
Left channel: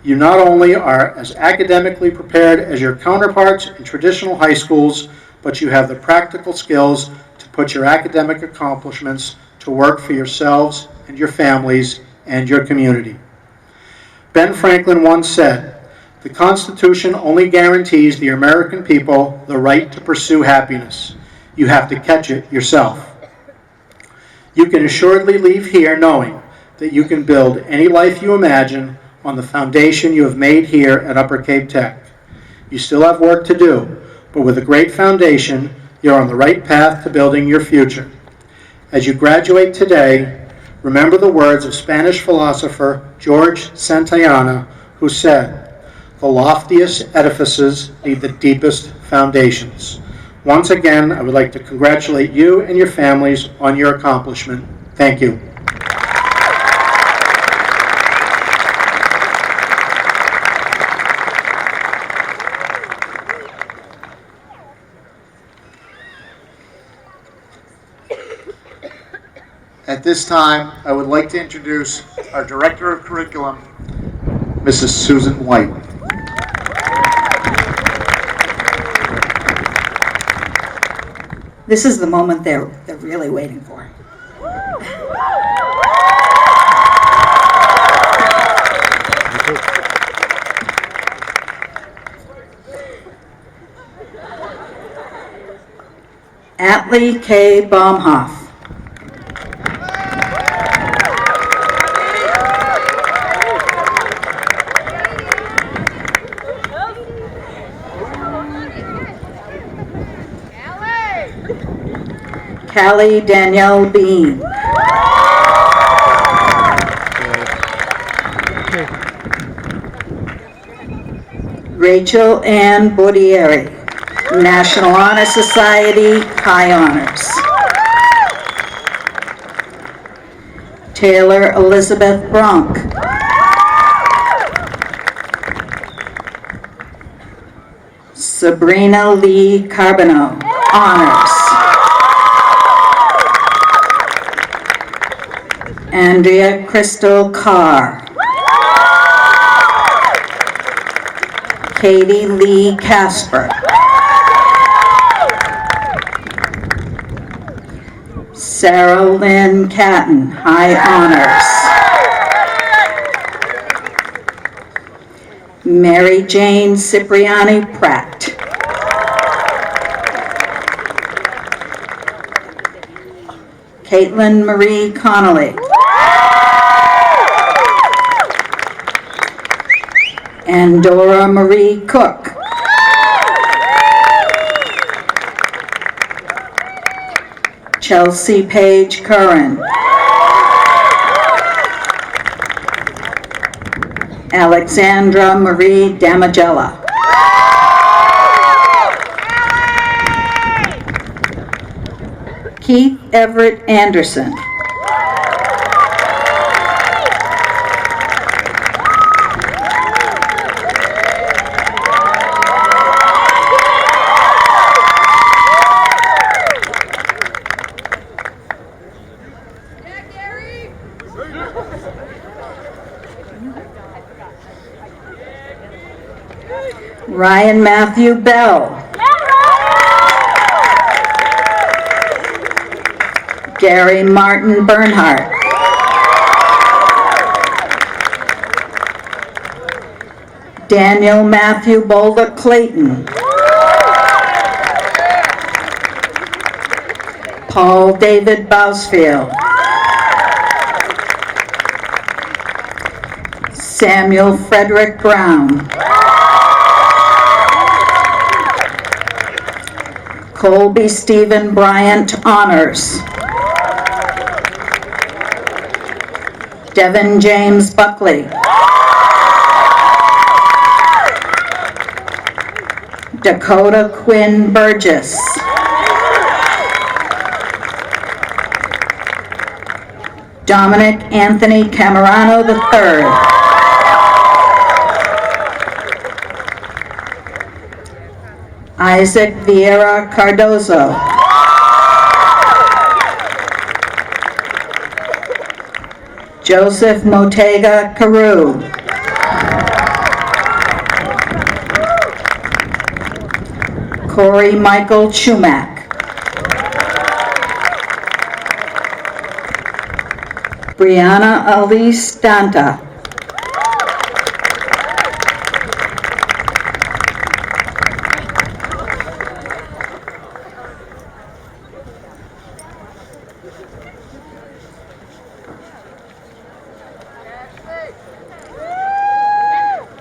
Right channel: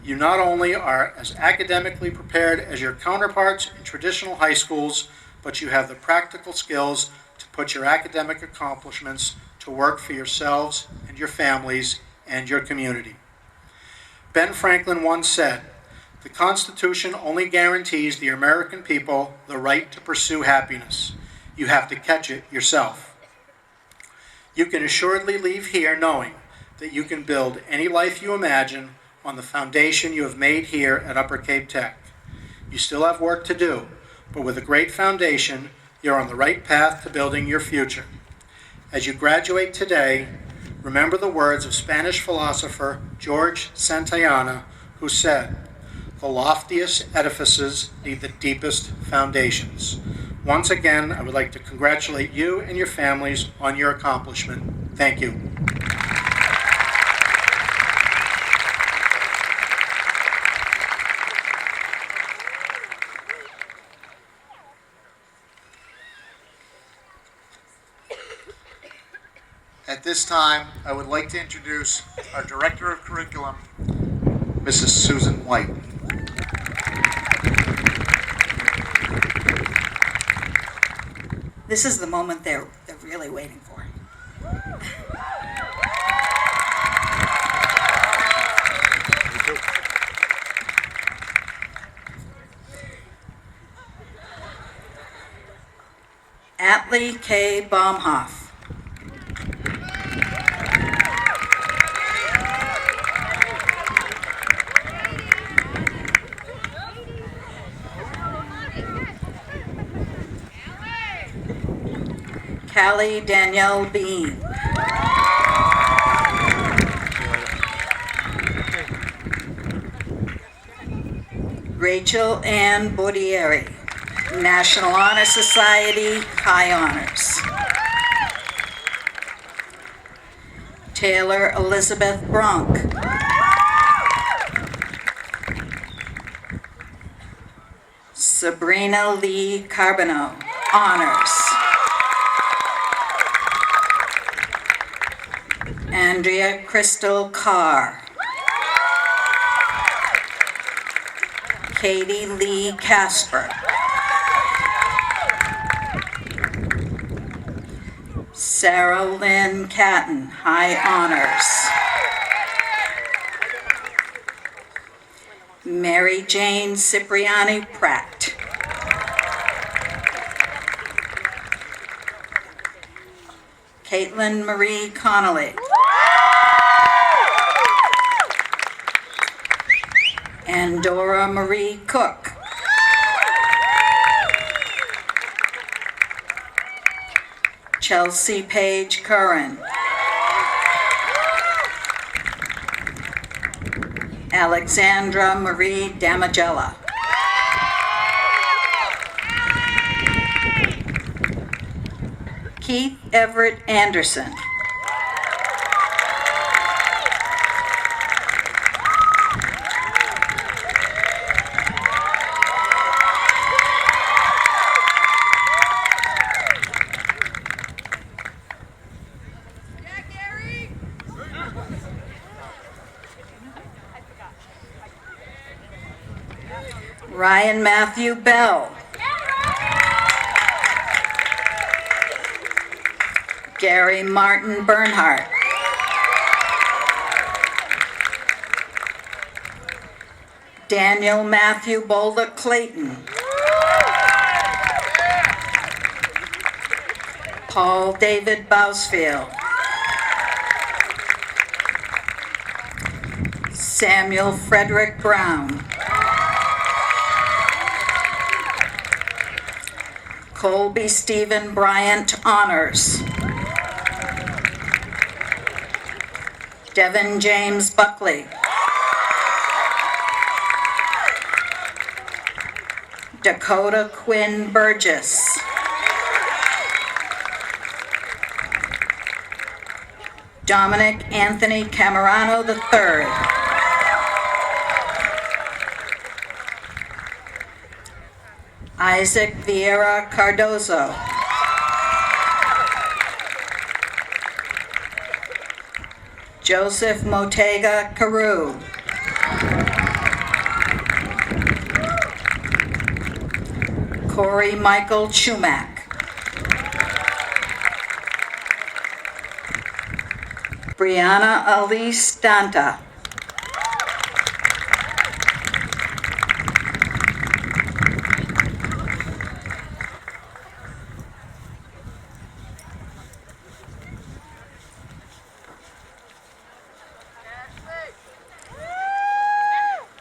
You not only are as academically prepared as your counterparts in traditional high schools, but you have the practical skills to put your academic accomplishments to work for yourselves and your families and your community. Ben Franklin once said, "The Constitution only guarantees the American people the right to pursue happiness. You have to catch it yourself." You can assuredly leave here knowing that you can build any life you imagine on the foundation you have made here at Upper Cape Tech. You still have work to do, but with a great foundation, you're on the right path to building your future. As you graduate today, remember the words of Spanish philosopher George Santayana, who said, "The loftiest edifices need the deepest foundations." Once again, I would like to congratulate you and your families on your accomplishment. Thank you. At this time, I would like to introduce our Director of Curriculum, Mrs. Susan White. This is the moment they're really waiting for. Atlee K. Baumhoff. Callie Danielle Bean. Rachel Ann Bordieri, National Honor Society, High Honors. Taylor Elizabeth Bronk. Sabrina Lee Carbonneau, Honors. Andrea Crystal Carr. Katie Lee Casper. Sarah Lynn Catton, High Honors. Mary Jane Cipriani Pratt. Caitlin Marie Connolly. And Dora Marie Cook. Chelsea Page Curran. Alexandra Marie Damagella. Keith Everett Anderson. Ryan Matthew Bell. Gary Martin Bernhardt. Daniel Matthew Boulder Clayton. Paul David Bousfield. Samuel Frederick Brown. Colby Stephen Bryant Honors. Devin James Buckley. Dakota Quinn Burgess. Dominic Anthony Camerano III. Isaac Vieira Cardozo. Joseph Motega Carew. Corey Michael Chumack. Brianna Elise Danta.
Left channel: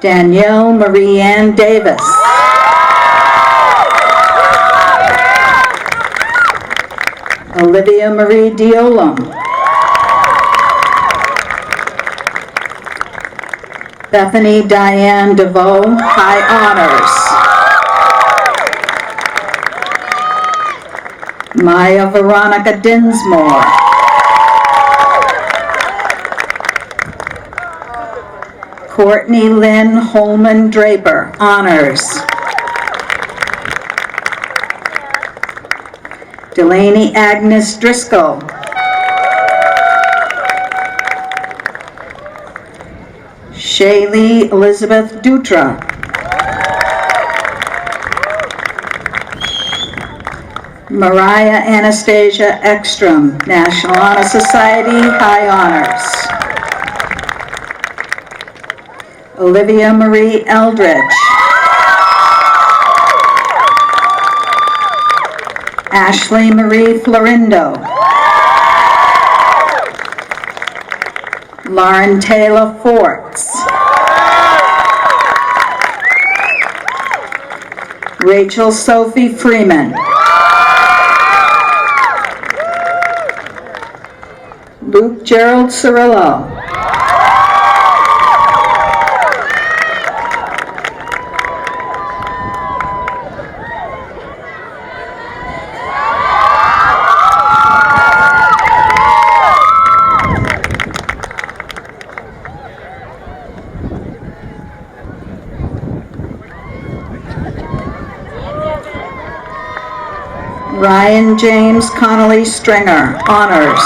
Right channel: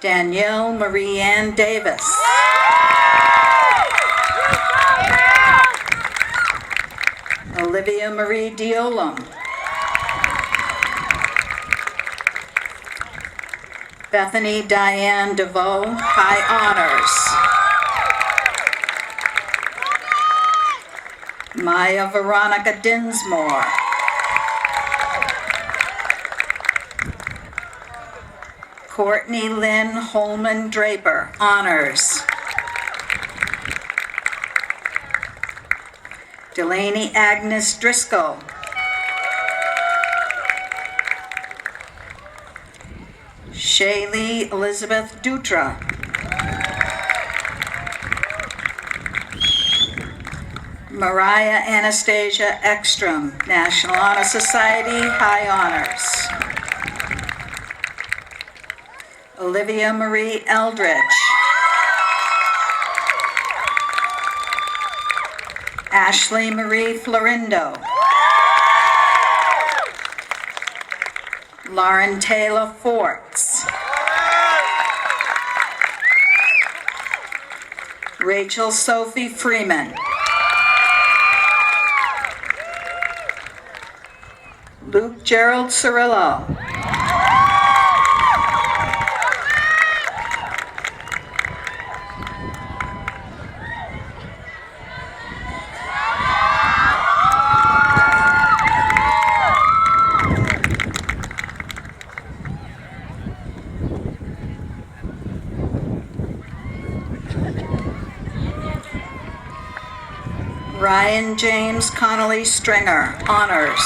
Danielle Marie Ann Davis. Olivia Marie Diolum. Bethany Diane DeVoe, High Honors. Maya Veronica Dinsmore. Courtney Lynn Holman Draper, Honors. Delaney Agnes Driscoll. Shaylee Elizabeth Dutra. Mariah Anastasia Ekstrom, National Honor Society, High Honors. Olivia Marie Eldridge. Ashley Marie Florindo. Lauren Taylor Forts. Rachel Sophie Freeman. Luke Gerald Cirillo. Ryan James Connolly Stringer, honors.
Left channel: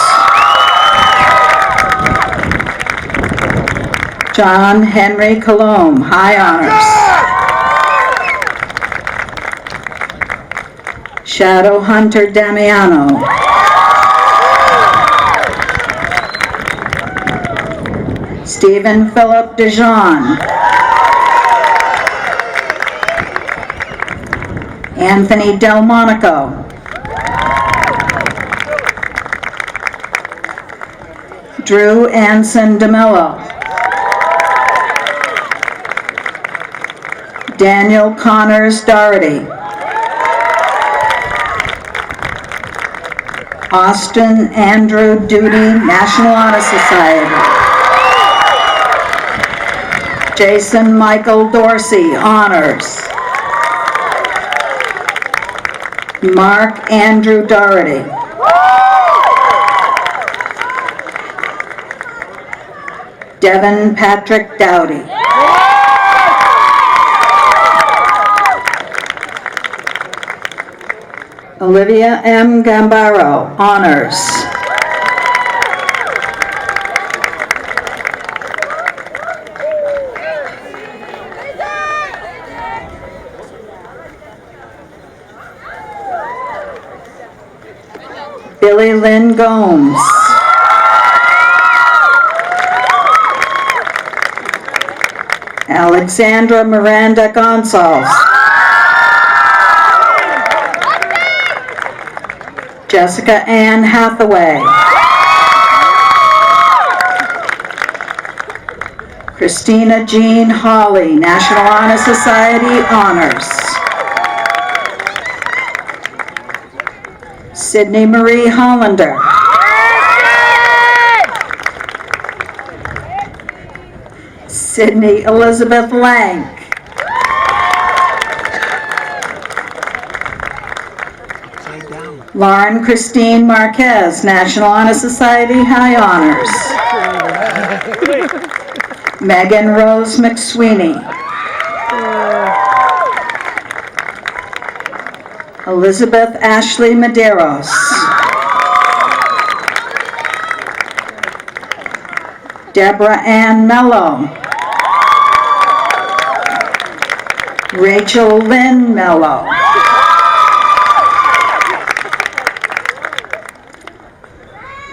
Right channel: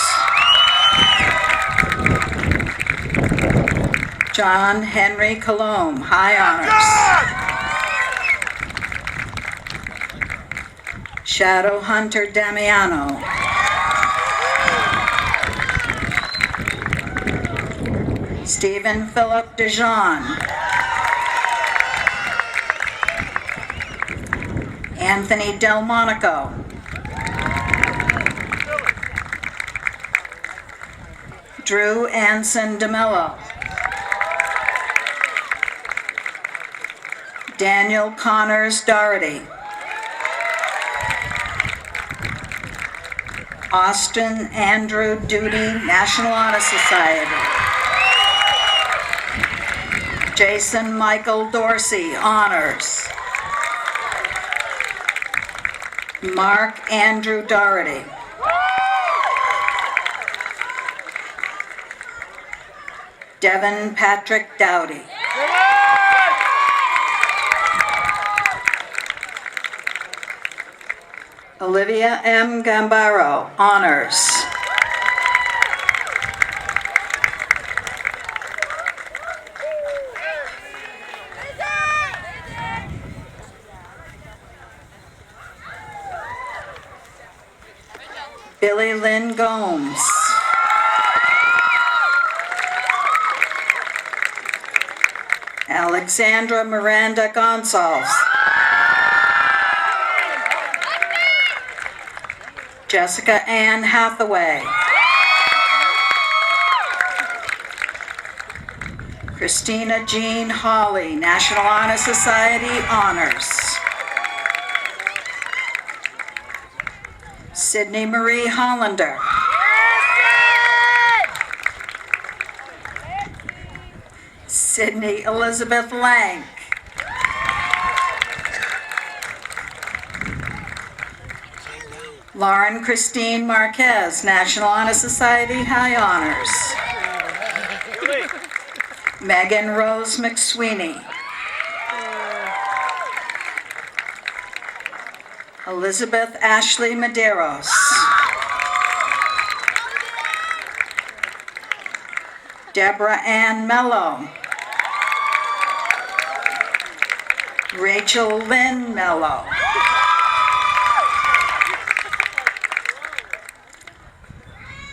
John Henry Colomb, high honors. Shadow Hunter Damiano. Stephen Philip DeJean. Anthony Delmonico. Drew Anson DeMello. Daniel Connors Doherty. Austin Andrew Duty, National Honor Society. Jason Michael Dorsey, honors. Mark Andrew Doherty. Devin Patrick Dowdy. Olivia M. Gambaro, honors. Billy Lynn Gomes. Alexandra Miranda Gonçalves. Jessica Ann Hathaway. Christina Jean Hawley, National Honor Society, honors. Sydney Marie Hollander. Sydney Elizabeth Lank. Lauren Christine Marquez, National Honor Society, high honors. Megan Rose McSweeney. Elizabeth Ashley Medeiros. Deborah Ann Mello. Rachel Lynn Mello.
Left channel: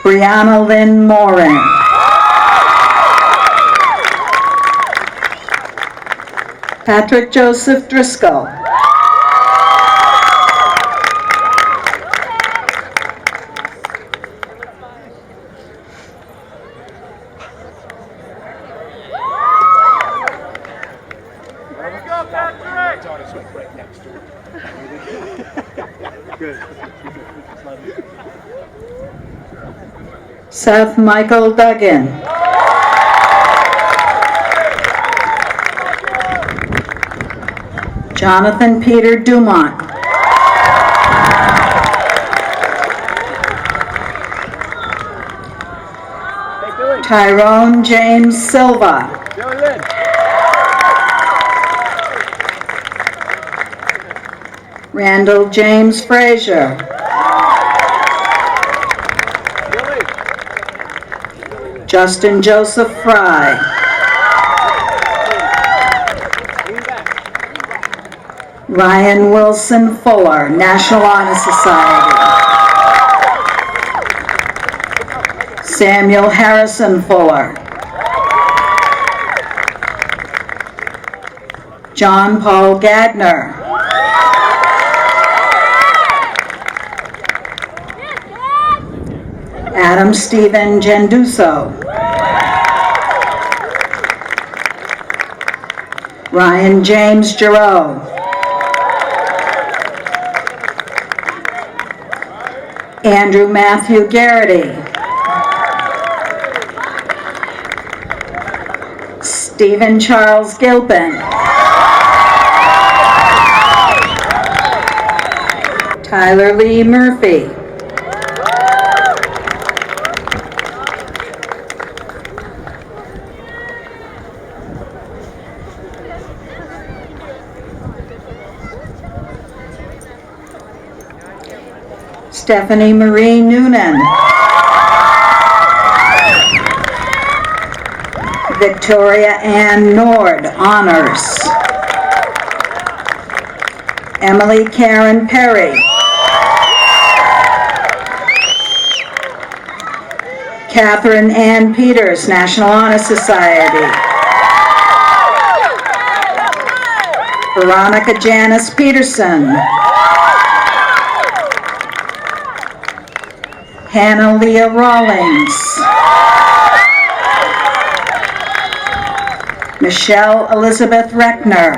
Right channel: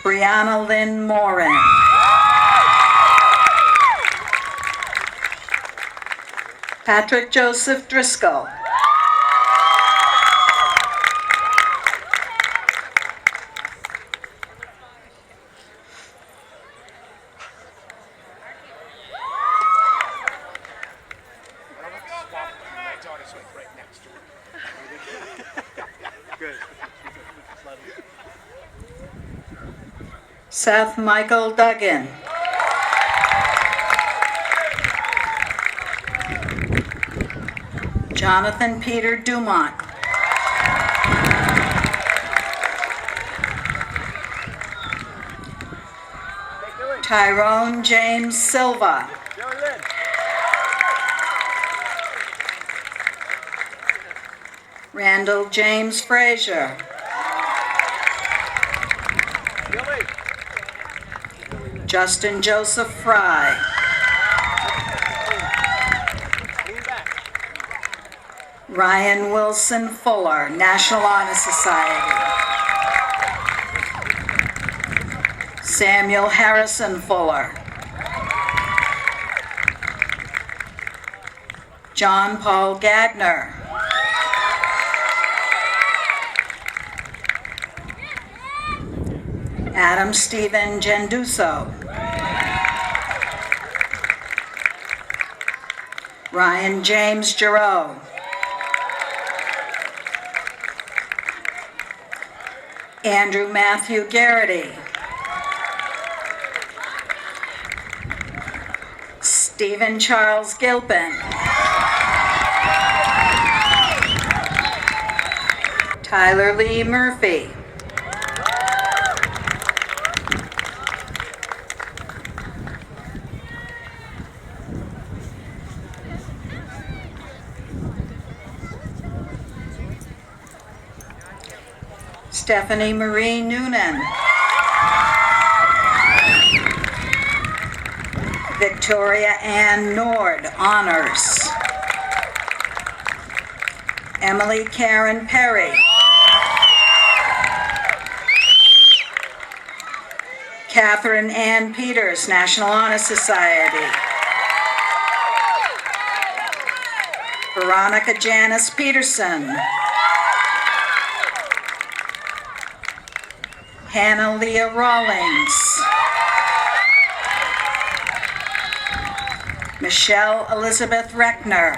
Brianna Lynn Morin. Patrick Joseph Driscoll. Seth Michael Duggan. Jonathan Peter Dumont. Tyrone James Silva. Randall James Frazier. Justin Joseph Fry. Ryan Wilson Fuller, National Honor Society. Samuel Harrison Fuller. John Paul Gagner. Adam Stephen Genduso. Ryan James Giroux. Andrew Matthew Garrity. Stephen Charles Gilpin. Tyler Lee Murphy. Stephanie Marie Noonan. Victoria Ann Nord, honors. Emily Karen Perry. Catherine Ann Peters, National Honor Society. Veronica Janice Peterson. Hannah Leah Rawlings. Michelle Elizabeth Reckner.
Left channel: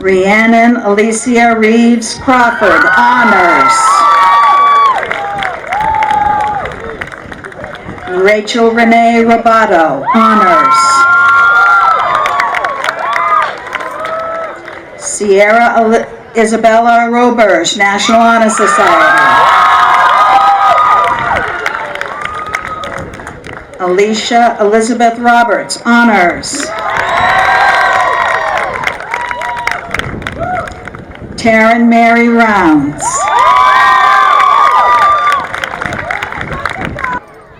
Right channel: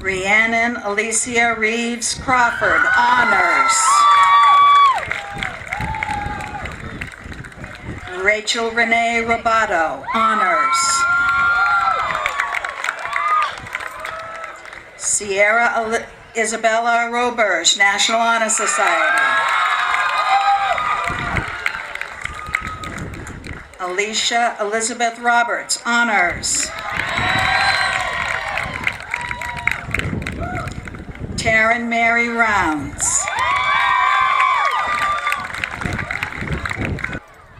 Rhiannon Alicia Reeves Crawford, honors. Rachel Renee Robato, honors. Sierra Isabella Roberge, National Honor Society. Alicia Elizabeth Roberts, honors. Taryn Mary Rounds.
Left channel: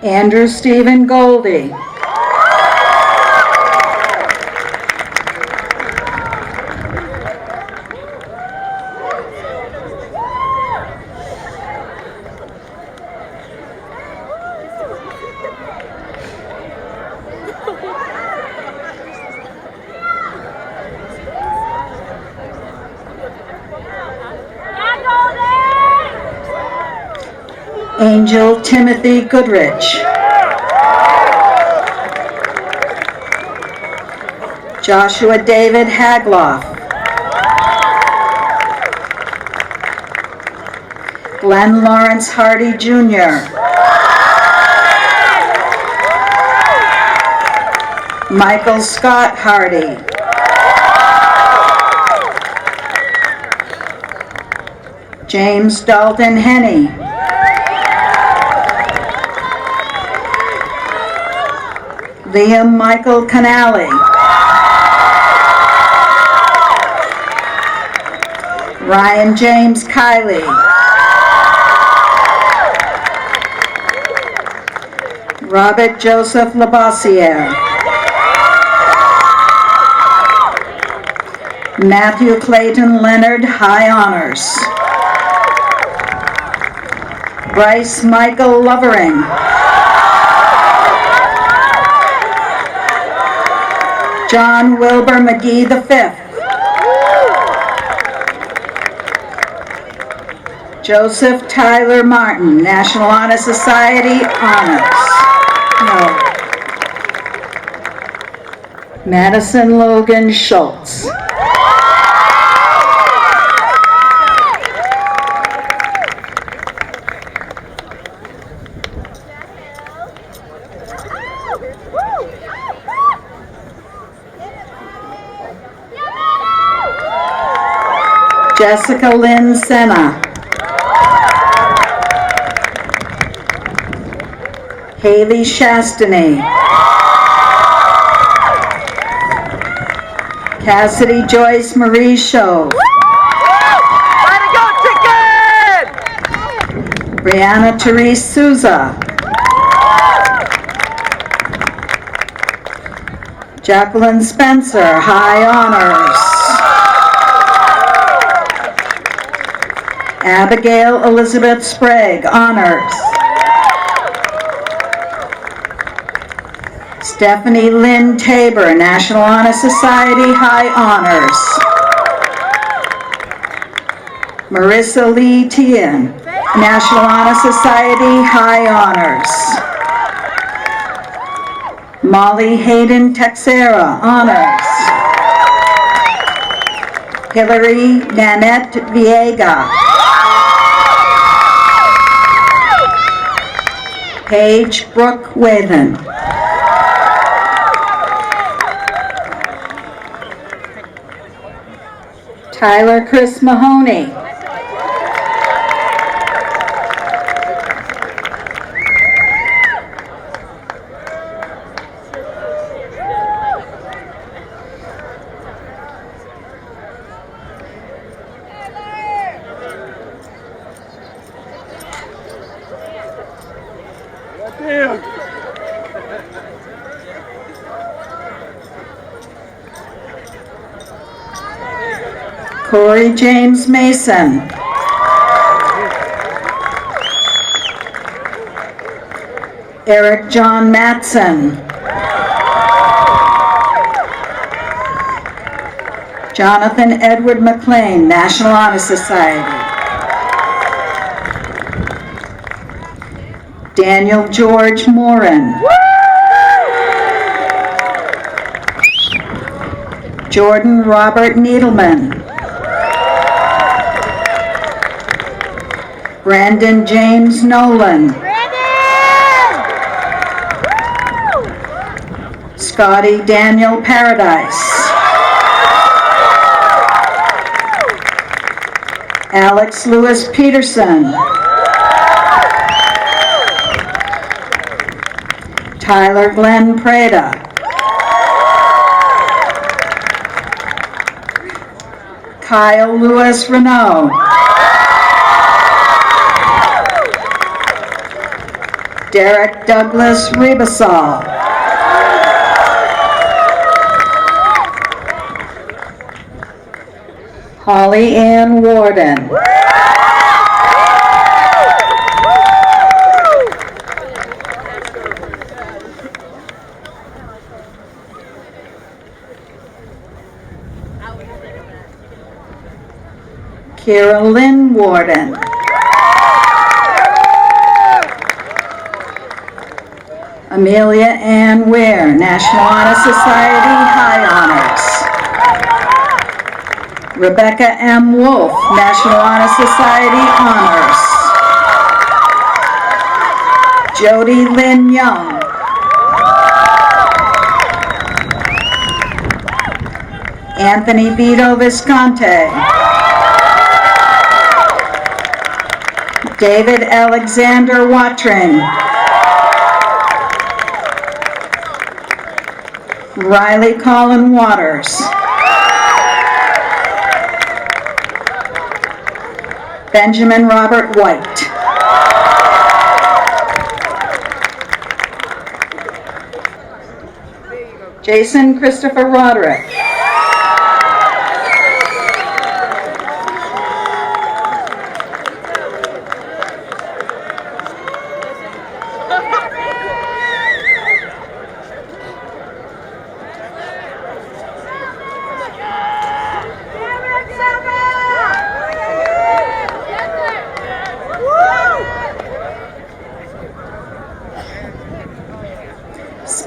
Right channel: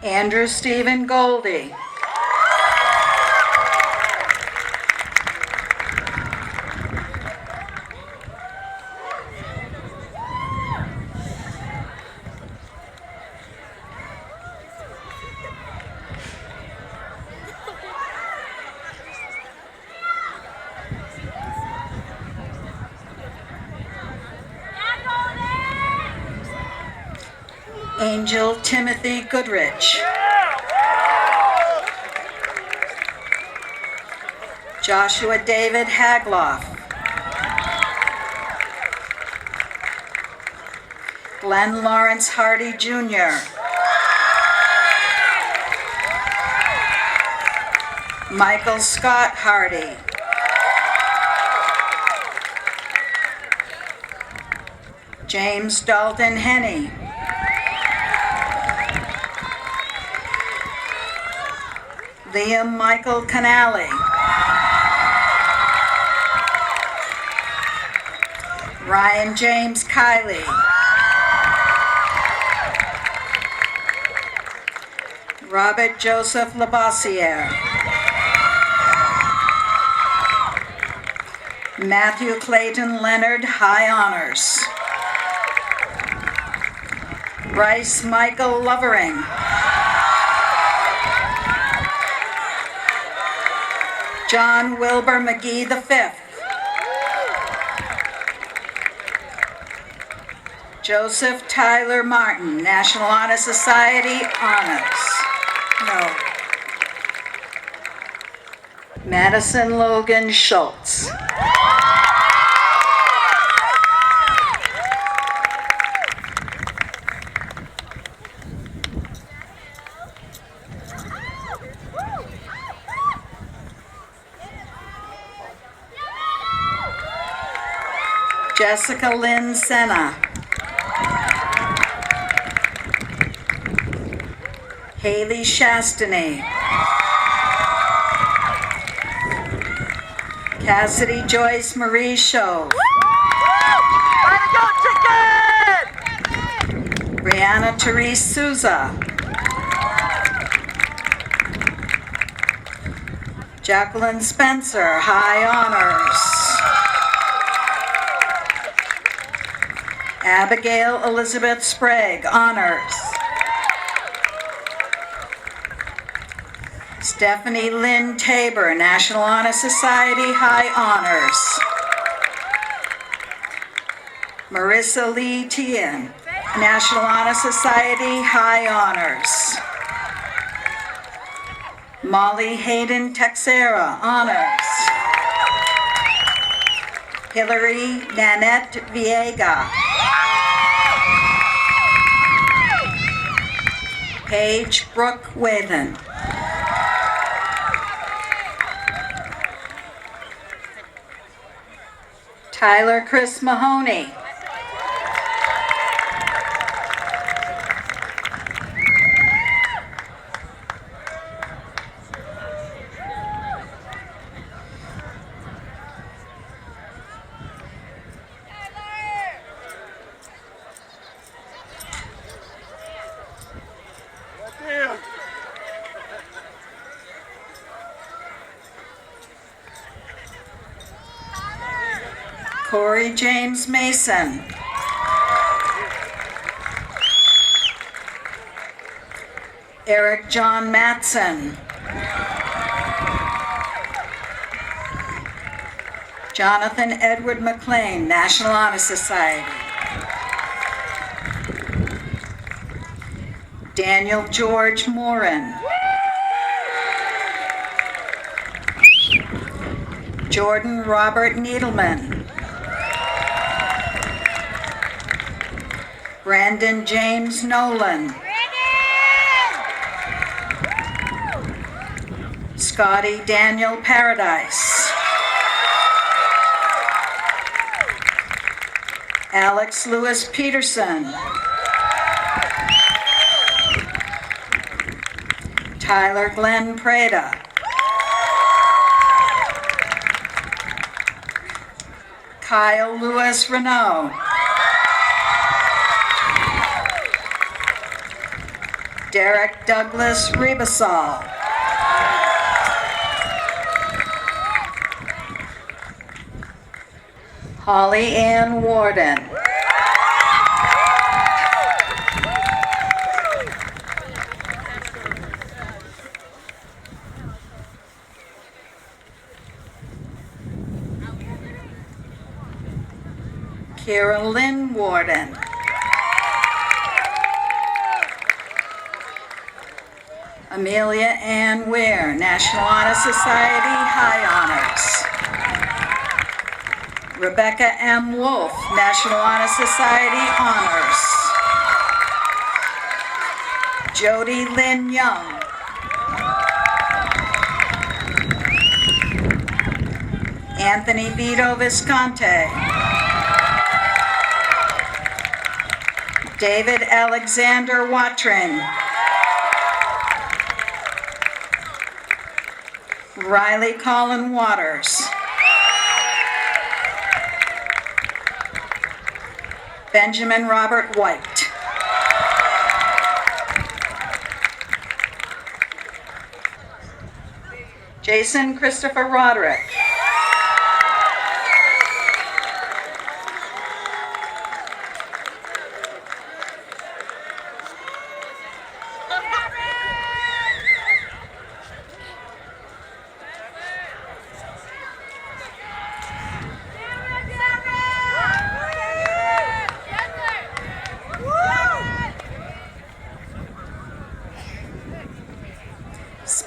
Andrew Stephen Goldie. Angel Timothy Goodrich. Joshua David Hagloff. Glenn Lawrence Hardy Jr. Michael Scott Hardy. James Dalton Henney. Liam Michael Canali. Ryan James Kiley. Robert Joseph Labossiere. Matthew Clayton Leonard, high honors. Bryce Michael Lovering. John Wilbur McGee V. Joseph Tyler Martin, National Honor Society, honors. No. Madison Logan Schultz. Jessica Lynn Senna. Haley Shastany. Cassidy Joyce Marie Shove. Brianna Therese Souza. Jacqueline Spencer, high honors. Abigail Elizabeth Sprague, honors. Stephanie Lynn Tabor, National Honor Society, high honors. Marissa Lee Tian, National Honor Society, high honors. Molly Hayden Texera, honors. Hillary Nanette Viega. Paige Brooke Wathen. Tyler Chris Mahoney. Corey James Mason. Eric John Matson. Jonathan Edward McLean, National Honor Society. Daniel George Morin. Jordan Robert Needleman. Brandon James Nolan. Scotty Daniel Paradise. Alex Lewis Peterson. Tyler Glenn Prada. Kyle Lewis Renault. Derek Douglas Ribasol. Holly Ann Warden. Kira Lynn Warden. Amelia Ann Ware, National Honor Society, High Honors. Rebecca M. Wolf, National Honor Society, Honors. Jody Lynn Young. Anthony Vito Visconti. David Alexander Watring. Riley Colin Waters. Benjamin Robert White. Jason Christopher Roderick.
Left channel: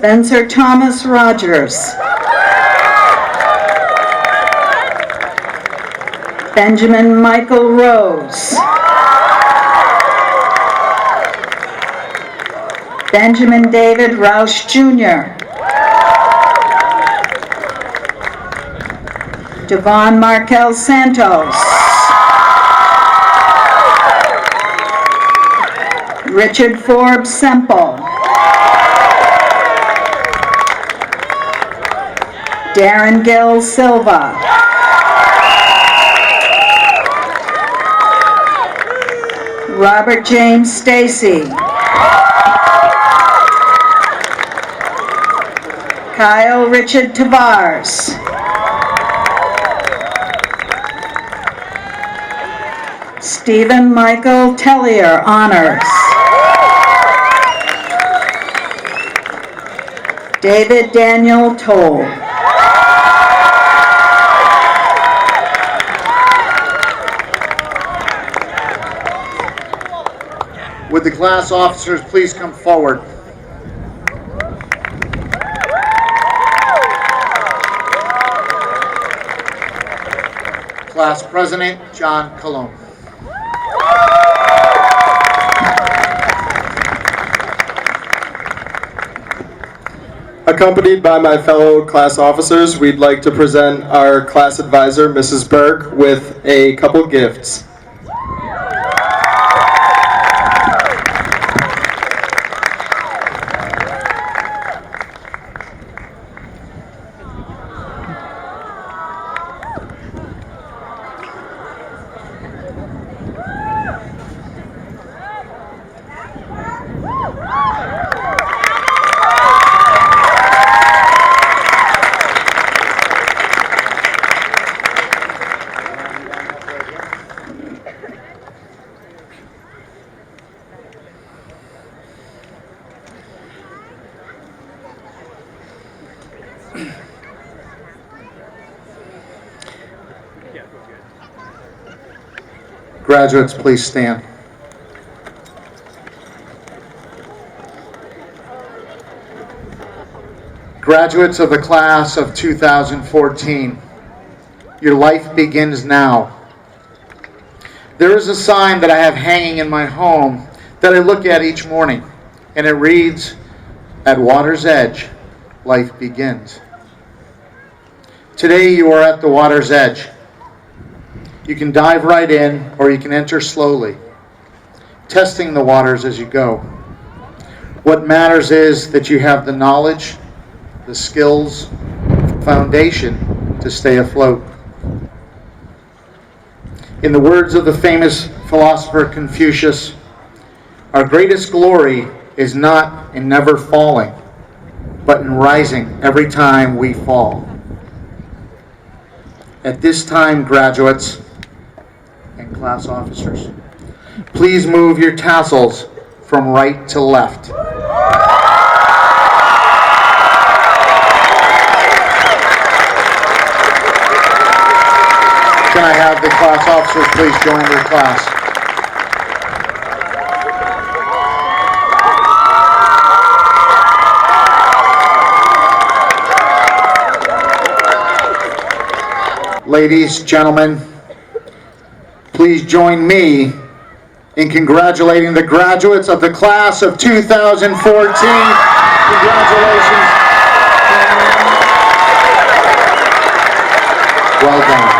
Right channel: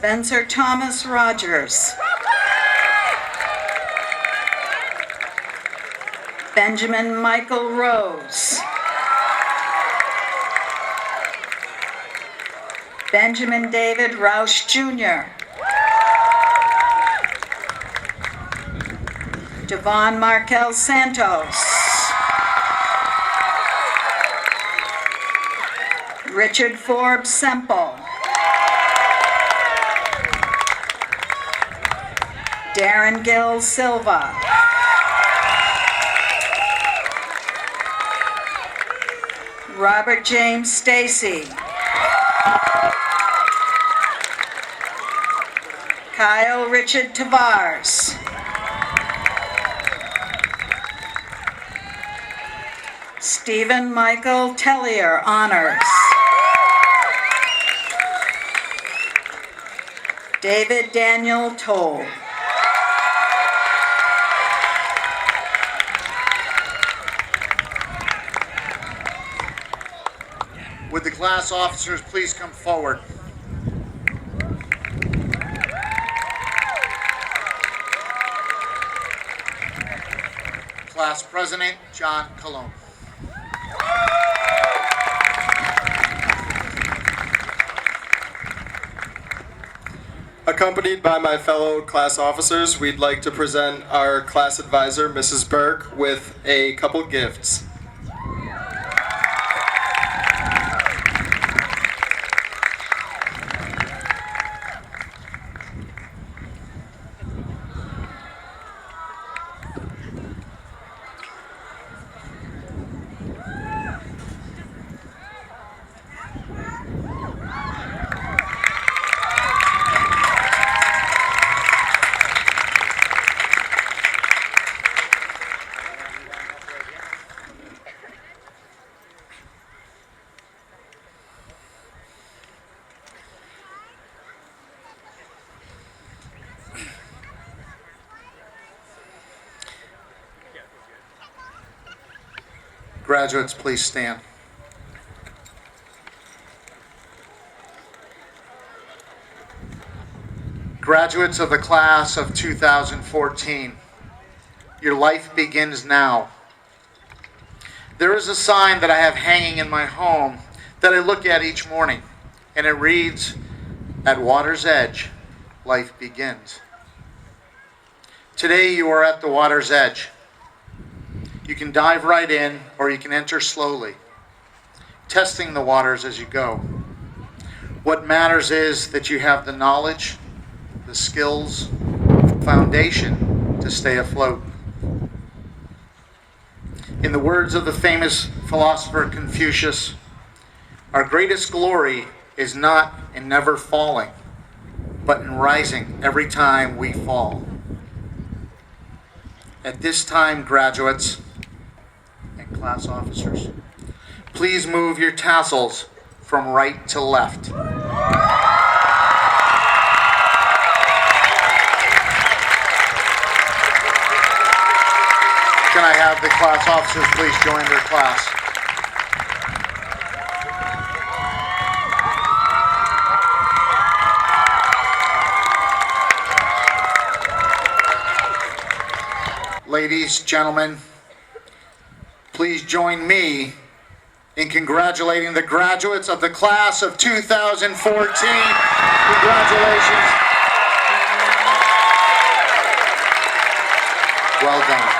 Spencer Thomas Rogers. Benjamin Michael Rose. Benjamin David Roush Jr. Devon Markel Santos. Richard Forbes Semple. Darren Gill Silva. Robert James Stacy. Kyle Richard Tavares. Stephen Michael Tellier, Honors. David Daniel Toll. Would the class officers please come forward? Class President John Colon. Accompanied by my fellow class officers, we'd like to present our class advisor, Mrs. Berg, with a couple gifts. Graduates, please stand. Graduates of the class of 2014, your life begins now. There is a sign that I have hanging in my home that I look at each morning, and it reads, "At water's edge, life begins." Today you are at the water's edge. You can dive right in, or you can enter slowly, testing the waters as you go. What matters is that you have the knowledge, the skills, foundation to stay afloat. In the words of the famous philosopher Confucius, our greatest glory is not in never falling, but in rising every time we fall. At this time, graduates and class officers, please move your tassels from right to left. Can I have the class officers please join their class? Ladies, gentlemen, please join me in congratulating the graduates of the class of 2014. Congratulations. Well done.